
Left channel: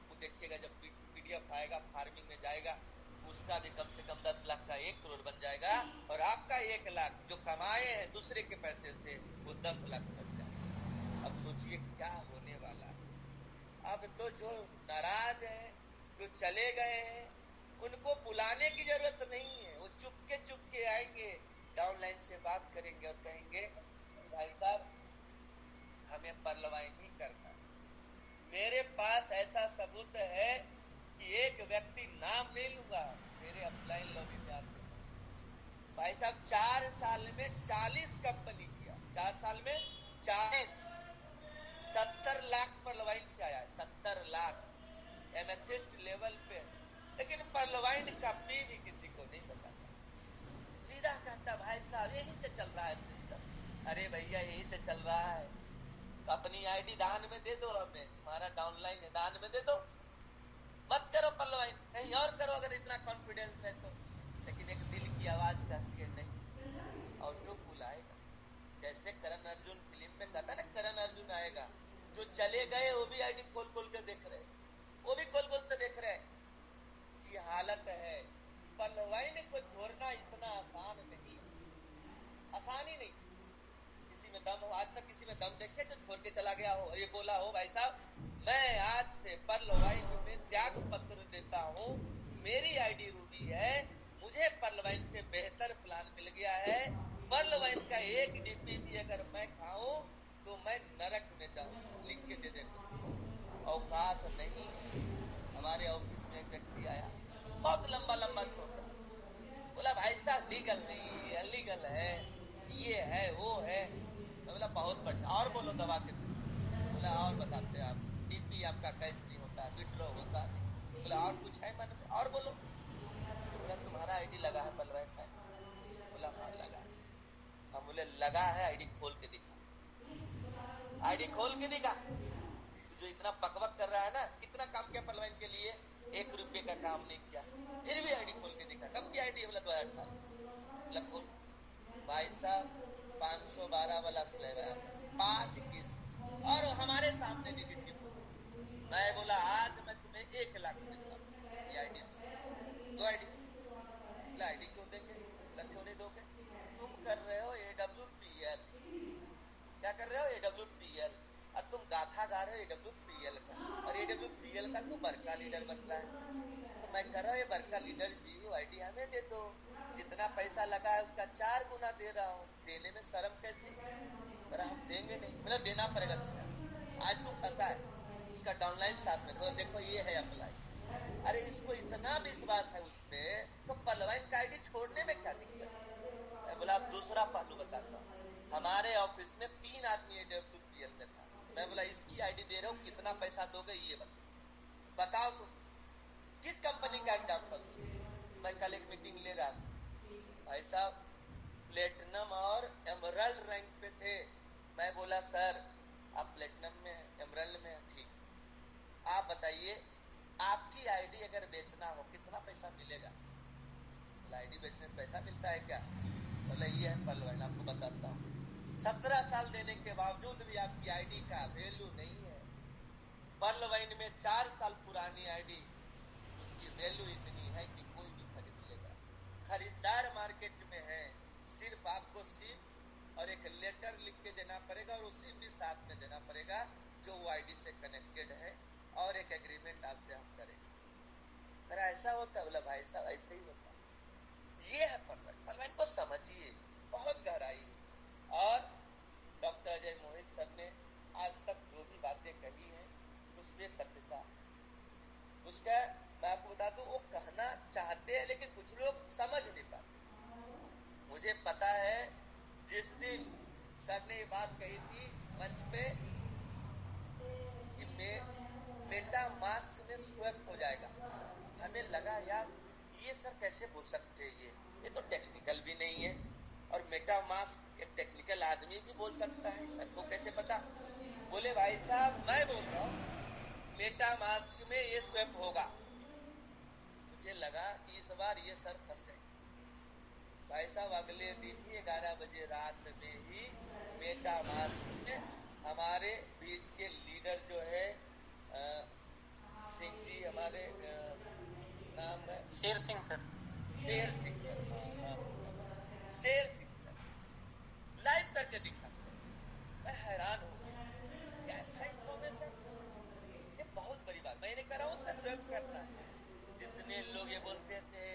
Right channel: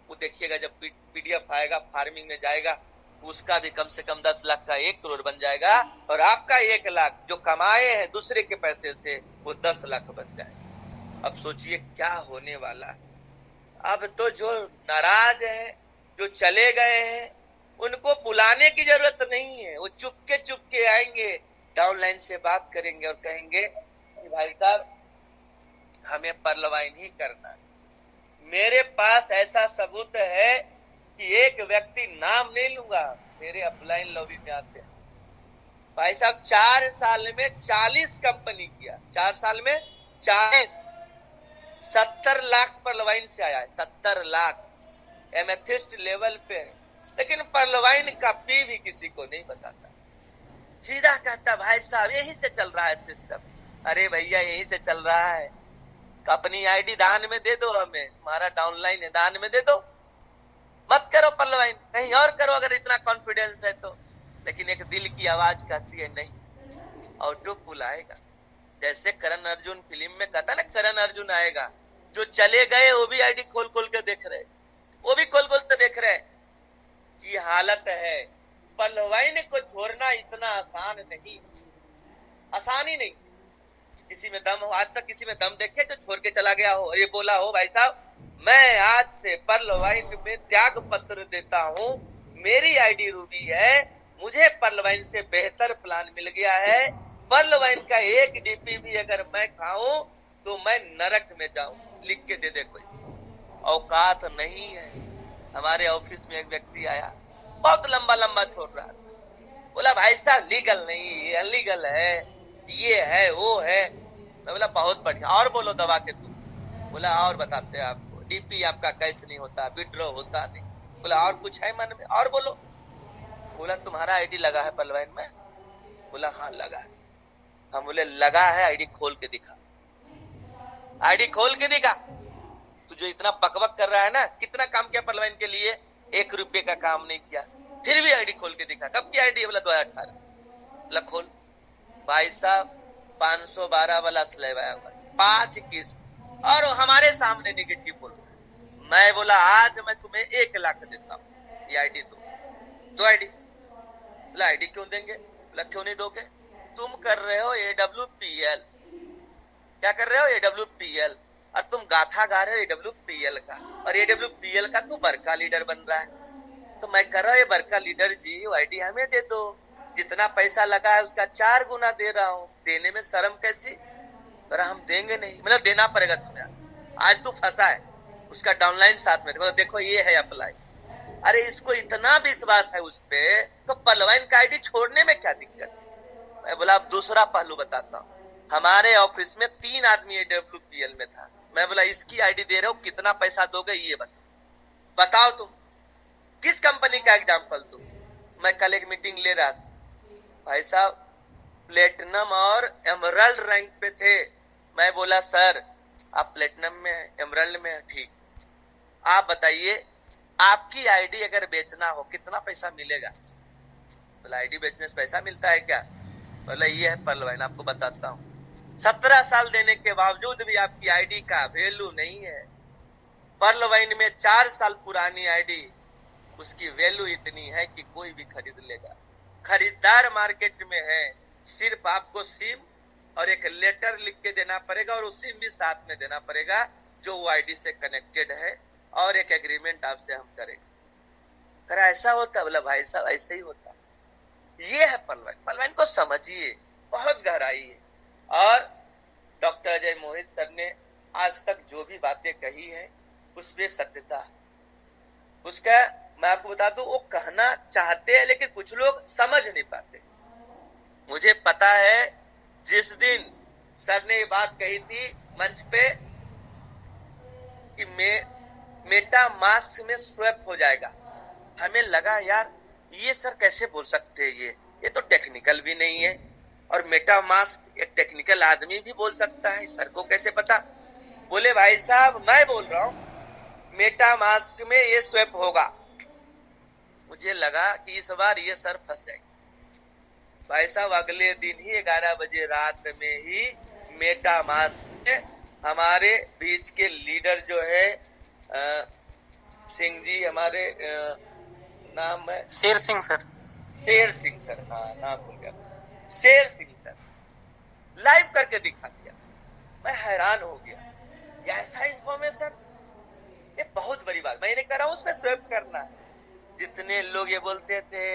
वो देखिएगा जब पीडीएफ आएगा, फार्मिंग में जाएगा, उसका भी कम से कम 10 लाख का 1 करोड़ बन जाएगा, और आपका 1 लाख जो कमाए हैं दूसरे के पैसे से वो 10 लाख बन जाएगा। अब सोचिए क्या होने वाला है। अब तो जो नाराज है, जो चले गए हैं, उनको बुलाने की जरूरत नहीं है, वो चुपके आएंगे, डाउनलाइन से बात करेंगे और कहेंगे कि भाई साहब हमें परलवाइन ही करना है। मेरे पास ऐसा सबूत है कि एक व्यक्ति, नाम नहीं लूंगा, मेरे अपलाइन लॉबी में आते हैं भाई साहब, 4 साल में 40 कंपनी किया, 4 साल में 40, 70 लाख परलवाइन से आया है, 70 लाख एमेथिस्ट लेवल पे है, लेकिन परलवाइन का पी भी किसी को नहीं बताता। सीधा कहता भाई साहब यही से चल रहा है सिस्टम। अरे भैया यही से चल रहा है, अपनी आईडी दान में दे दो, हमें तुम्हारा डाउनलाइन है दान में दे दो, मत करो परलवाइन, कहीं और करो अगर इतना कॉन्फिडेंस है तो। लेकिन एक दिल की आवाज कहती है नहीं, ऑटो पुल आएगा। जैसे करण अर्जुन फिल्म में कहता ना, करण अर्जुन आएगा, जो चले गए वो भी आईडी खोल खोल के देख रहे, वो भी खोल खोल के देख रहे। ये हालत है। परलवाइन को छोड़ना इतना आसान नहीं, आसान ही नहीं। किसी में दम हो, आज तक किसी में दम देखे जो छोड़ के चला गया हो, ये बोला हो भाई साहब मैं आज से परलवाइन में त्याग पत्र देता हूँ, मेरी आईडी रूबी है, मुझे परलवाइन से बेहतर प्लान मिल गया है, परलवाइन का 1 डीपी भी अगर मैं खाऊं तो मैं नरक में जाऊं, लिख के दे दे कोई। औकात नहीं है। हमारे ऑफिस में एक व्यक्ति आया, बहुत लंबा लंबा छोड़ रहा, बोला भाई साहब लीगल नहीं, अनलीगल है, ये है वो है। मैं बोला बहुत बढ़िया, और बोलो दबा के तुम। बोला और बताते हैं आपको, डीपी आपका कैसे नहीं होता, विड्रॉ होता नहीं। बोला और कुछ है मन में, और बोलो। बोला तुम्हारा आईडी लगा है परलवाइन में? बोला हाँ लगा है। हम बोले लगा है, आईडी खोल के दिखा, आईडी खोल के दिखा। तू जो इतना बकबक कर रहा है ना, कितना काम किया परलवाइन के लिए, 1 रुपये का काम नहीं किया, फिर भी आईडी खोल के दिखा। कब की आईडी? बोला 2018। बोला खोल। भाई साहब 512 वाला स्लैब आया हुआ, 5 किस्त, और हमारे सामने निगेटिव बोल रहा। मैं बोला आज मैं तुम्हें 1 लाख देता हूँ, ये आईडी दो आईडी। बोला आईडी क्यों देंगे? बोला क्यों नहीं दोगे? तुम कर रहे हो AWPL। क्या कर रहे हो? AWPL। और तुम गाथा गा रहे हो AWPL का, और AWPL का तू बरका लीडर बन रहा है। तो मैं कर रहा हूँ बरका लीडर जी, आईडी हमें दे दो, जितना पैसा लगा है उसका 4 गुना दे रहा हूँ, देने में शर्म कैसी? पर हम देंगे नहीं। मतलब देना पड़ेगा तुम्हें, आज तू फंसा है। उसका डाउनलाइन साथ में देखो, ये है अप्लाई। अरे इसको इतना विश्वास है उस पे, तो परलवाइन का आईडी छोड़ने में क्या दिक्कत? मैं बोला अब दूसरा पहलू बताता हूँ। हमारे ऑफिस में 3 आदमी AWPL में था। मैं बोला इसकी आईडी दे रहे हो, कितना पैसा दोगे ये बताओ तुम, किस कंपनी का एग्जाम्पल दूं? मैं कल एक मीटिंग ले रहा था, भाई साहब प्लेटिनम और एमरल्ड रैंक पे थे। मैं बोला सर आप प्लेटिनम में, एमरल्ड में, ठीक, आप बताइए आपकी आईडी अगर बेचना हो कितना पैसा मिलेगा? बोला आईडी बेचने से पैसा मिलता है क्या? बोला ये है परलवाइन, आपको बताता हूँ। 17 साल देने के बावजूद भी आपकी आईडी का वैल्यू नहीं है। परलवाइन में 4 साल पुरानी आईडी, उसकी वैल्यू इतनी है कि कोई भी खरीद लेगा। खरीदार मार्केट में है, सिर्फ आपको सिम और एक लेटर लिख के देना पड़ेगा, और उस सिम भी साथ में देना पड़ेगा जो वो आईडी से कनेक्टेड है, और एक एग्रीमेंट आपसे हम करेंगे। करा ऐसा होता? बोला भाई साहब ऐसे ही होता। ये है परलवाइन। परलवाइन को समझिए, बहुत गहराई है। और डॉक्टर अजय मोहित सर ने आज तक जो भी बातें कही है उसमें सत्यता है। उसका मैं आपको बता दूं, वो कहना चाहते हैं लेकिन कुछ लोग समझ नहीं पाते। मुझे पता है जिस दिन सर ने ये बात कही थी मंच पे कि मेटा मास्क में स्वैप हो जाएगा, हमें लगा यार ये सर कैसे बोल सकते हैं, ये तो टेक्निकल भी नहीं है, और मेटा मास्क एक टेक्निकल आदमी भी बोल सकता है, सर को कैसे पता? बोले भाई साहब मैं बोल रहा हूँ मेटा मास्क में ये स्वैप होगा। मुझे लगा कि इस बार ये सर फंस जाएंगे, भाई साहब अगले दिन ही 11 बजे रात में ही मेटा मास में हमारे बीच के लीडर जो है सिंह जी, हमारे नाम है शेर सिंह सर। शेर सिंह सर, हाँ नाम भूल गया, शेर सिंह सर लाइव करके दिखा दिया। मैं हैरान हो गया, ये ऐसा इंफॉर्मेशन, ये बहुत बड़ी बात। मैं नहीं कर रहा हूँ उसमें स्वेप करना है। जितने लोग ये बोलते थे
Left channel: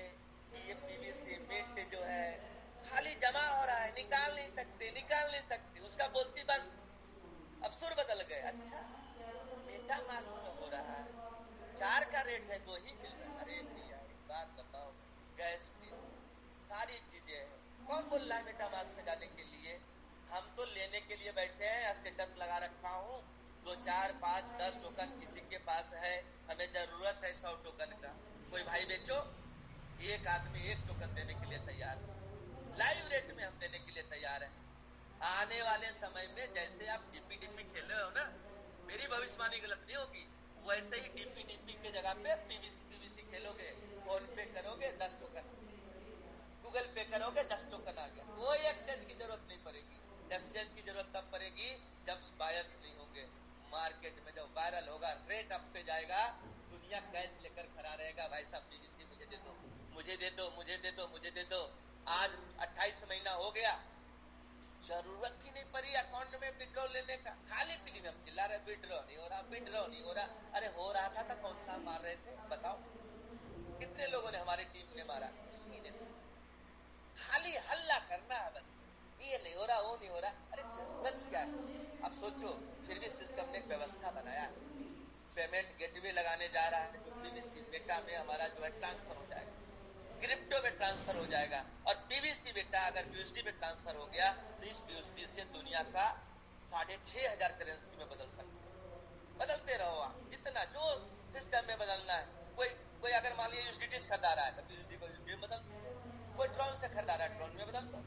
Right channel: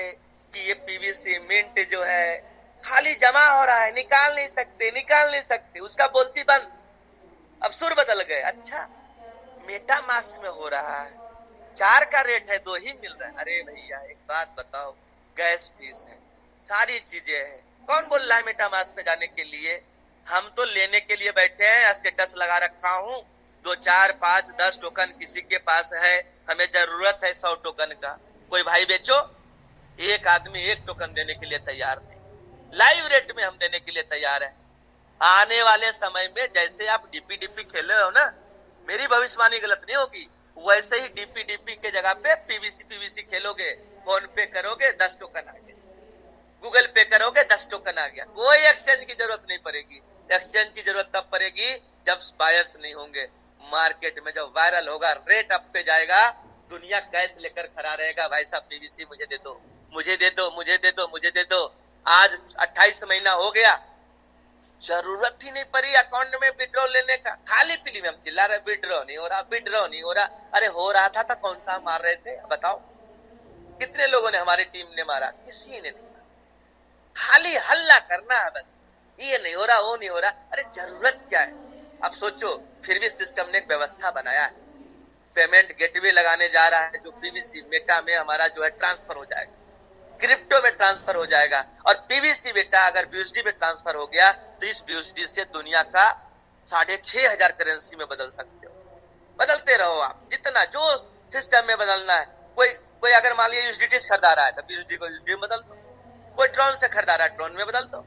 कि ये पीवीसी मिंट जो है खाली जमा हो रहा है, निकाल नहीं सकते, उसका बोलती बंद। अब सुर बदल गए, अच्छा मेटा मास्क में हो रहा है, 4 का रेट है 2 ही मिल रहा है। अरे भैया एक बात बताओ, गैस फीस है, सारी चीजें हैं, कौन बोल रहा है मेटा मास्क में जाने के लिए? हम तो लेने के लिए बैठे हैं, स्टेटस लगा रखा हूँ, 2 4 5 10 टोकन किसी के पास है, हमें जरूरत है 100 टोकन का, कोई भाई बेचो। एक आदमी 1 टोकन देने के लिए तैयार नहीं, लाइव रेट में हम देने के लिए तैयार है। आने वाले समय में जैसे आप डीपी खेले हो ना, मेरी भविष्यवाणी गलत नहीं होगी, वैसे ही डीपी के जगह पे पीवीसी खेलोगे। फोन पे करोगे 10 टोकन आ गया, गूगल पे करोगे 10 टोकन आ गया, कोई एक्सचेंज की जरूरत नहीं पड़ेगी। एक्सचेंज की जरूरत तब पड़ेगी जब बायर्स नहीं होंगे। मार्केट में जब वायरल होगा, रेट अप पे जाएगा, दुनिया कैश लेकर खड़ा रहेगा, भाई साहब पीवीसी मुझे दे दो, मुझे दे दो, मुझे दे दो, मुझे दे दो। आज 28 महीना हो गया, जरूरत ही नहीं पड़ी अकाउंट में विड्रॉ लेने का। खाली पीली में हम चिल्ला रहे विड्रॉ नहीं हो रहा, विड्रॉ नहीं हो रहा। अरे हो रहा था तो कौन सा मार रहे थे बताओ? कितने लोगों ने हमारी टीम ने मारा? किसी ने नहीं मारा। खाली हल्ला करना है बस, ये नहीं हो रहा, वो नहीं हो रहा। अरे जरूरत क्या है? अब सोचो, फिर भी सिस्टम ने एक व्यवस्था बनाया है, पेमेंट गेटवे लगाने जा रहा है, जो पीवीसी मेटा में हमारा जो है ट्रांसफर हो जाएगा, क्रिप्टो में ट्रांसफर हो जाएगा। और पीवीसी बेटा अगर बीएसडी में ट्रांसफर हो गया तो इस बीएसडी से दुनिया का 6,500 करेंसी में बदल सकते हो। बदलते रहो आप, जितना जो सिस्टम में बदलना है। कोई अगर मान लिया यूएसडीटी खरीदा रहा है तो बीएसडी को यूएसडी में बदल दो, कोई ट्रॉन से खरीदा रहा है ट्रॉन में बदल दो,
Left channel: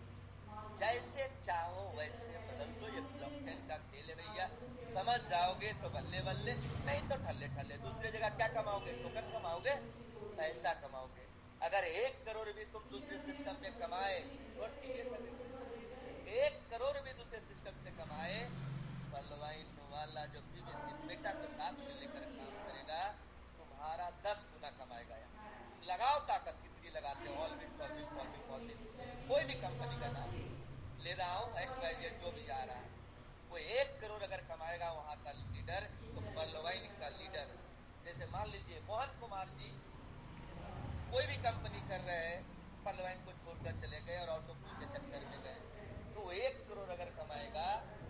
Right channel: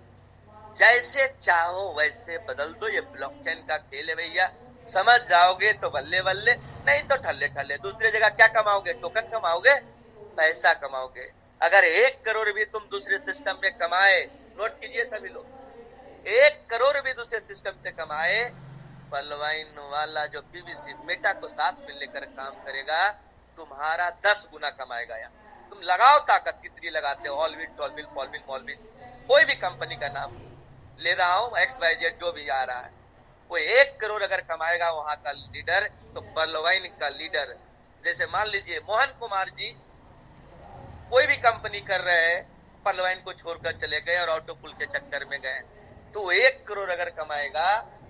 जैसे चाहो वैसे बदल दो। ये ब्लॉकचेन का खेल है भैया, समझ जाओगे तो बल्ले बल्ले, नहीं तो ठल्ले ठल्ले। दूसरी जगह क्या कमाओगे? टोकन कमाओगे, पैसा कमाओगे। अगर 1 करोड़ भी तुम दूसरे सिस्टम में कमाए, नोट कीजिए सभी लोग, 1 करोड़ भी दूसरे सिस्टम से कमाए, पलवाइन वाला जो पीवीसी मेटा को साथ में लेकर काम करेगा, तुम्हारा 10 गुना कमाएगा। यार तुम लगाओ ताकत, कितनी लगाते हो? ऑलविन, टॉलविन, फॉलविन, मॉलविन, कोई भी कंपनी का नाम ले रहा हूँ, XYZ जो भी आ रहा है, वो 1 करोड़ अगर कमाएगा वहां का लीडर, तो पलवाइन का लीडर, जैसे मान लीजिए मोहन कुमार जी कोई भी कंपनी कर रहे हैं, पलवाइन को छोड़कर चले गए और ऑटो पुल के चक्कर में गए, तो 1 करोड़ अगर कमाएगा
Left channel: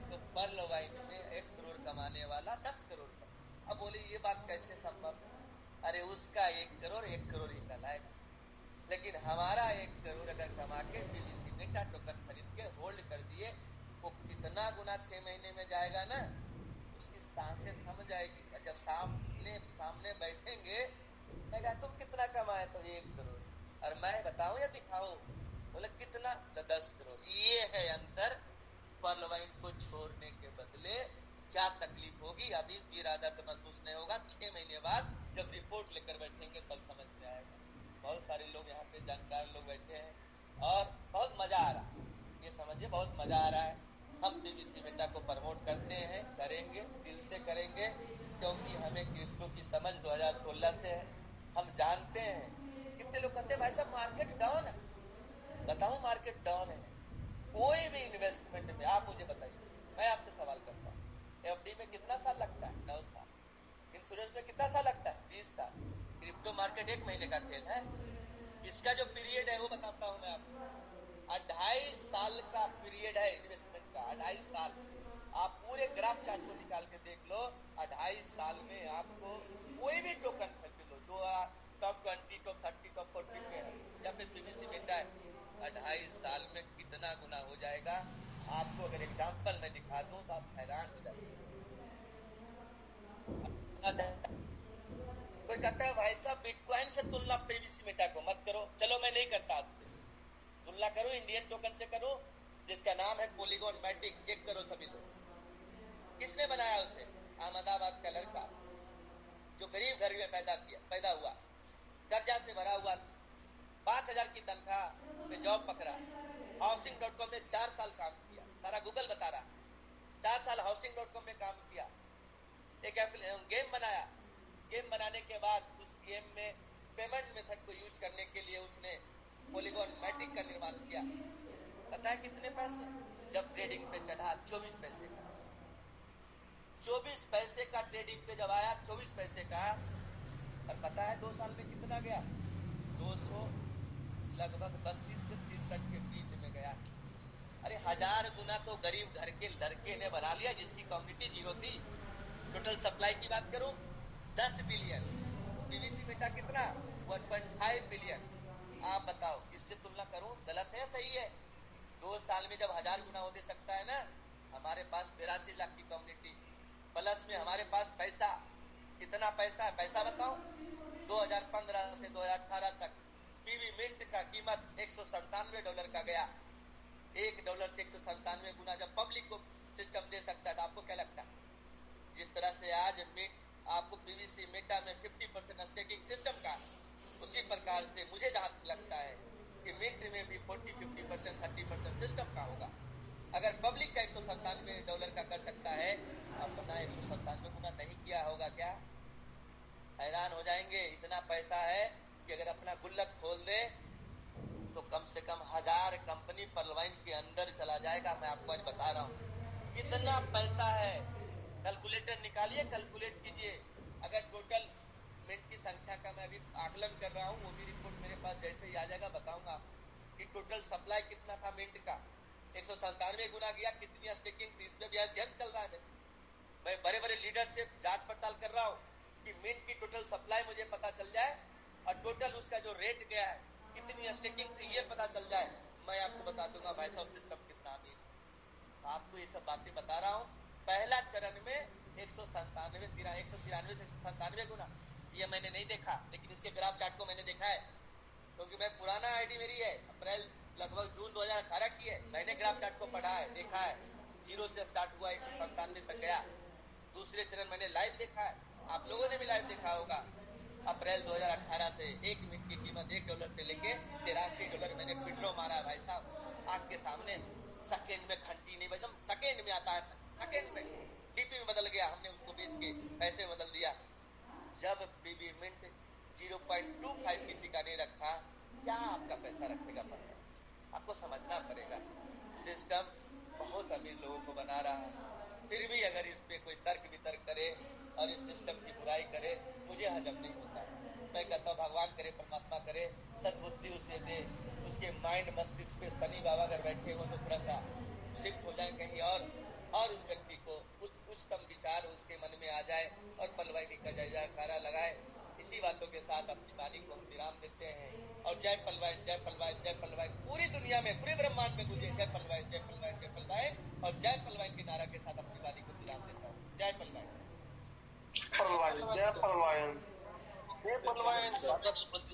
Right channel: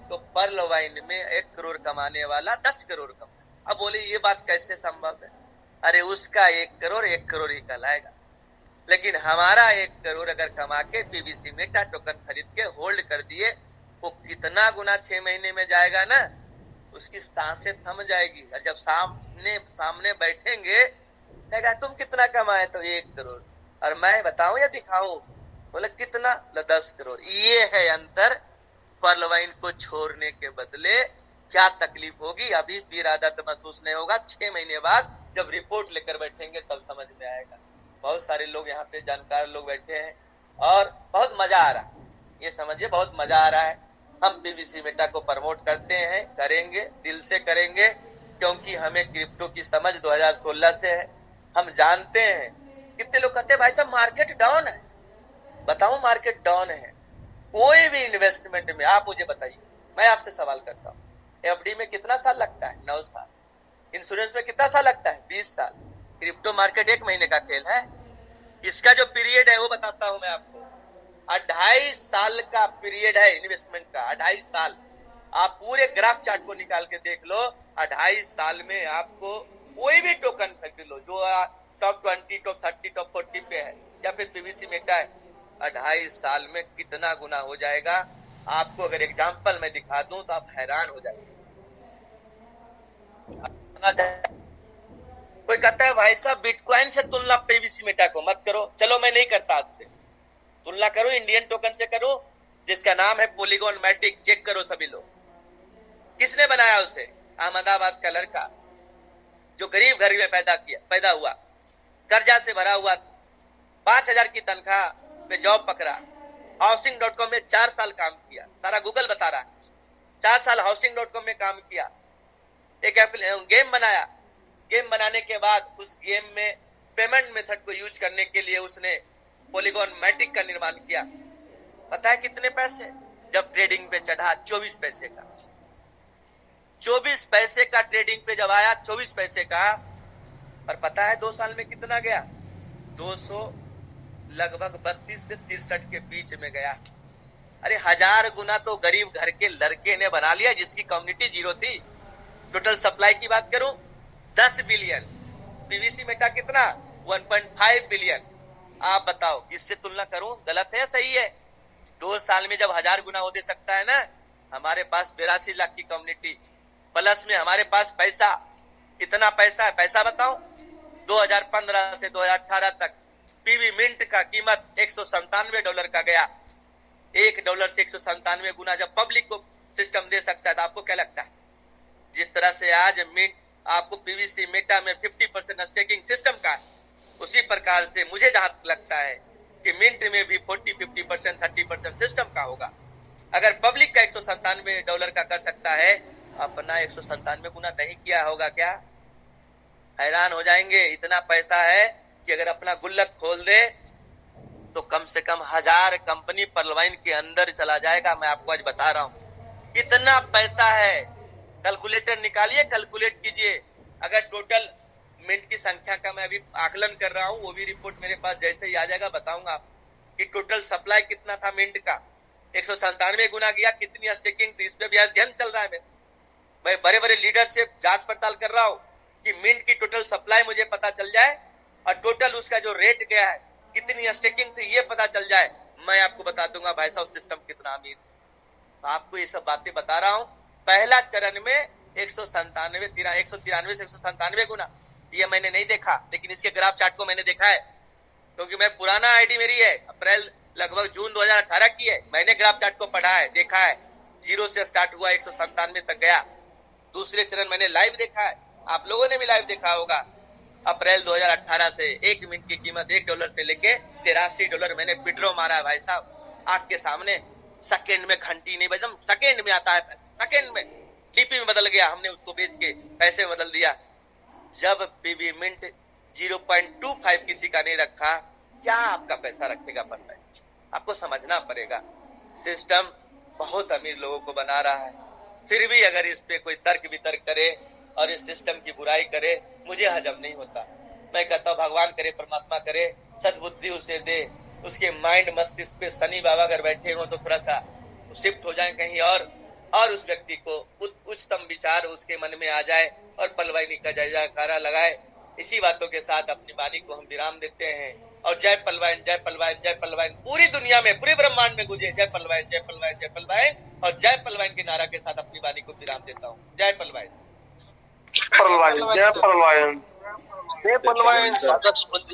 तो पलवाइन में 1 करोड़ कमाने वाला 10 करोड़ कमाए। अब बोले ये बात कैसे संभव है? अरे उसका 1 करोड़ ही कहलाएगा, लेकिन हमारा 1 करोड़ अगर कमा के पीवीसी मेटा टोकन खरीद के होल्ड कर दिए, वो कितना गुना 6 महीने में जाएगा ना, उसकी सांसें थम जाएगी। और जब सामने बैठेंगे, कहेगा तुम कितना कमाए? तो 1 करोड़। और मैं बताऊं या दिखाऊं? बोले कितना? 10 करोड़। ये है अंतर। पलवाइन को छोड़ने के बदले क्या तकलीफ होगी, अभी भी इरादा महसूस नहीं होगा। 6 महीने बाद जब रिपोर्ट लेकर बैठेंगे तब समझ में आएगा। बहुत सारे लोग यहाँ पे जानकार लोग बैठे हैं और बहुत मजा आ रहा है, ये समझिए बहुत मजा आ रहा है। हम पीवीसी मेटा को प्रमोट करते हैं, करेंगे, दिल से करेंगे, क्योंकि हमें क्रिप्टो की समझ 2016 से है। हम जानते हैं। कितने लोग कहते हैं भाई साहब मार्केट डाउन है, बताऊं मार्केट डाउन है। कोई भी इन्वेस्टमेंट में आप मुझे बताइए, मैं आपसे सवाल करता हूँ, एफडी में कितना साल लगता है? 9 साल। इंश्योरेंस में कितना साल लगता है? 20 साल। क्रिप्टो मार्केट 1 महीने का खेल है। इसका जो पीरियड है वो बताता हूं मैं आपको, 28 साल का पीरियड है इन्वेस्टमेंट का। 28 साल। आप पूरे ग्राफ चार्ट को निकाल के देख लो, 28 साल में आपको कोई भी टोकन खरीद लो जो टॉप 20, टॉप 30, टॉप 40 पे है, या फिर पीवीसी मेटा है, 28 साल में कितना गुना हो जाएगा। आपको अगर एग्जांपल मैं दिखा दूं तो आप हैरान हो जाएंगे। कोई कहता है भाई साहब बिटकॉइन से तुलना पीवीसी मेटा को मत करो, चलो मैं नहीं करता आपसे तुलना, करो इंडियन टोकन से करो, जिसका नाम है पॉलीगॉन मैटिक। चेक करो सभी लोग, किसने बनाया उसे? अहमदाबाद का लड़का जो गरीब घर में पैदा हुआ, कर्जा से भरा हुआ, 5,000 की तनख्वाह पे जॉब पकड़ा, हाउसिंग.com में 4 साल काम किया, सारा गूगल बता रहा है। 4 साल हाउसिंग.com में काम किया, एक गेम बनाया। गेम बनाने के बाद उस गेम में पेमेंट मेथड को यूज करने के लिए उसने पॉलीगॉन मैटिक का निर्माण किया। पता है कितने पैसे? जब ट्रेडिंग पे चढ़ा 24 पैसे का, 24 पैसे का ट्रेडिंग पे जब आया 24 पैसे का, और पता है 2 साल में कितना गया? 200 लगभग 32 से 63 के बीच में गया। अरे 1000 गुना तो गरीब घर के लड़के ने बना लिया जिसकी कम्युनिटी जीरो थी। टोटल सप्लाई की बात करूं 10 बिलियन, पीवीसी मेटा कितना 1.5 बिलियन। आप बताओ इससे तुलना करूं गलत है या सही है? 2 साल में जब 1000 गुना वो दे सकता है ना, हमारे पास 82 लाख की कम्युनिटी प्लस में हमारे पास पैसा, इतना पैसा है। पैसा बताओ 2015 से 2018 तक पीवी मिंट का कीमत $197 का गया। $1 से 197 गुना जब पब्लिक को सिस्टम दे सकता है तो आपको क्या लगता है? जिस तरह से आज मिंट आपको पीवीसी मेटा में 50% स्टेकिंग सिस्टम का है, उसी प्रकार से मुझे जहां लगता है कि मिंट में भी 40-50% 30% सिस्टम का होगा। अगर पब्लिक का $197 का कर सकता है, अपना 197 गुना नहीं किया होगा क्या? हैरान हो जाएंगे। इतना पैसा है कि अगर अपना गुल्लक खोल दे तो कम से कम 1000 कंपनी पर्लवाइन के अंदर चला जाएगा। मैं आपको आज बता रहा हूं इतना पैसा है। कैलकुलेटर निकालिए, कैलकुलेट कीजिए। अगर टोटल मिंट की संख्या का मैं अभी आकलन कर रहा हूं, वो भी रिपोर्ट मेरे पास जैसे ही आ जाएगा बताऊंगा आपको कि टोटल सप्लाई कितना था मिंट का। 197 गुना गया। कितनी स्टेकिंग थी? इस पे भी अध्ययन चल रहा है। मैं बड़े बड़े लीडर से जांच पड़ताल कर रहा हूं कि मिंट की टोटल सप्लाई मुझे पता चल जाए और टोटल उसका जो रेट गया है, कितनी स्टेकिंग थी, ये पता चल जाए। मैं आपको बता दूंगा भाई साहब सिस्टम कितना अमीर। आपको ये सब बातें बता रहा हूं। पहला चरण में 193 से 197 गुना, ये मैंने नहीं देखा, लेकिन इसके ग्राफ चार्ट को मैंने देखा है क्योंकि मैं पुराना आईडी मेरी है, अप्रैल लगभग जून 2018 की है। मैंने ग्राफ चार्ट को पढ़ा है, देखा है। 0 से स्टार्ट हुआ 197 तक गया। दूसरे चरण मैंने लाइव देखा है, आप लोगों ने भी लाइव देखा होगा। अप्रैल 2018 से 1 मिनट की कीमत $1 से लेके $83 मैंने विड्रॉ मारा है भाई साहब, आग के सामने। सेकेंड में घंटी नहीं बजम, सेकेंड में आता है, सेकेंड में डीपी में बदल गया। हमने उसको बेच के पैसे बदल दिया। जब पीवी मिंट 0.25 किसी का नहीं रखा, क्या आपका पैसा रखेगा? पता है, आपको समझना पड़ेगा। सिस्टम बहुत अमीर लोगों को बना रहा है, फिर भी अगर इस पे कोई तर्क वितर्क करे और इस सिस्टम की बुराई करे, मुझे हजम नहीं होता। मैं कहता हूँ भगवान करे, परमात्मा करे, सद्बुद्धि उसे दे। उसके माइंड मस्तिष्क पे शनि बाबा अगर बैठे हो तो थोड़ा सा शिफ्ट हो जाए कहीं और उस व्यक्ति को उच्चतम विचार उसके मन में आ जाए और पलवाइनी का जयकारा लगाए। इसी बातों के साथ अपनी वाणी को हम विराम देते हैं और जय पलवाइन, जय पलवाइन, जय पलवाइन पूरी दुनिया में, पूरे ब्रह्मांड में गुजे जय पलवाइन, जय पलवाइन, जय पलवाइन। और जय पलवाइन के नारा के साथ अपनी वाणी को विराम देता हूँ। जय पलवाइन, जय पलवाइन, जय पलवाइन, जय पलवाइन।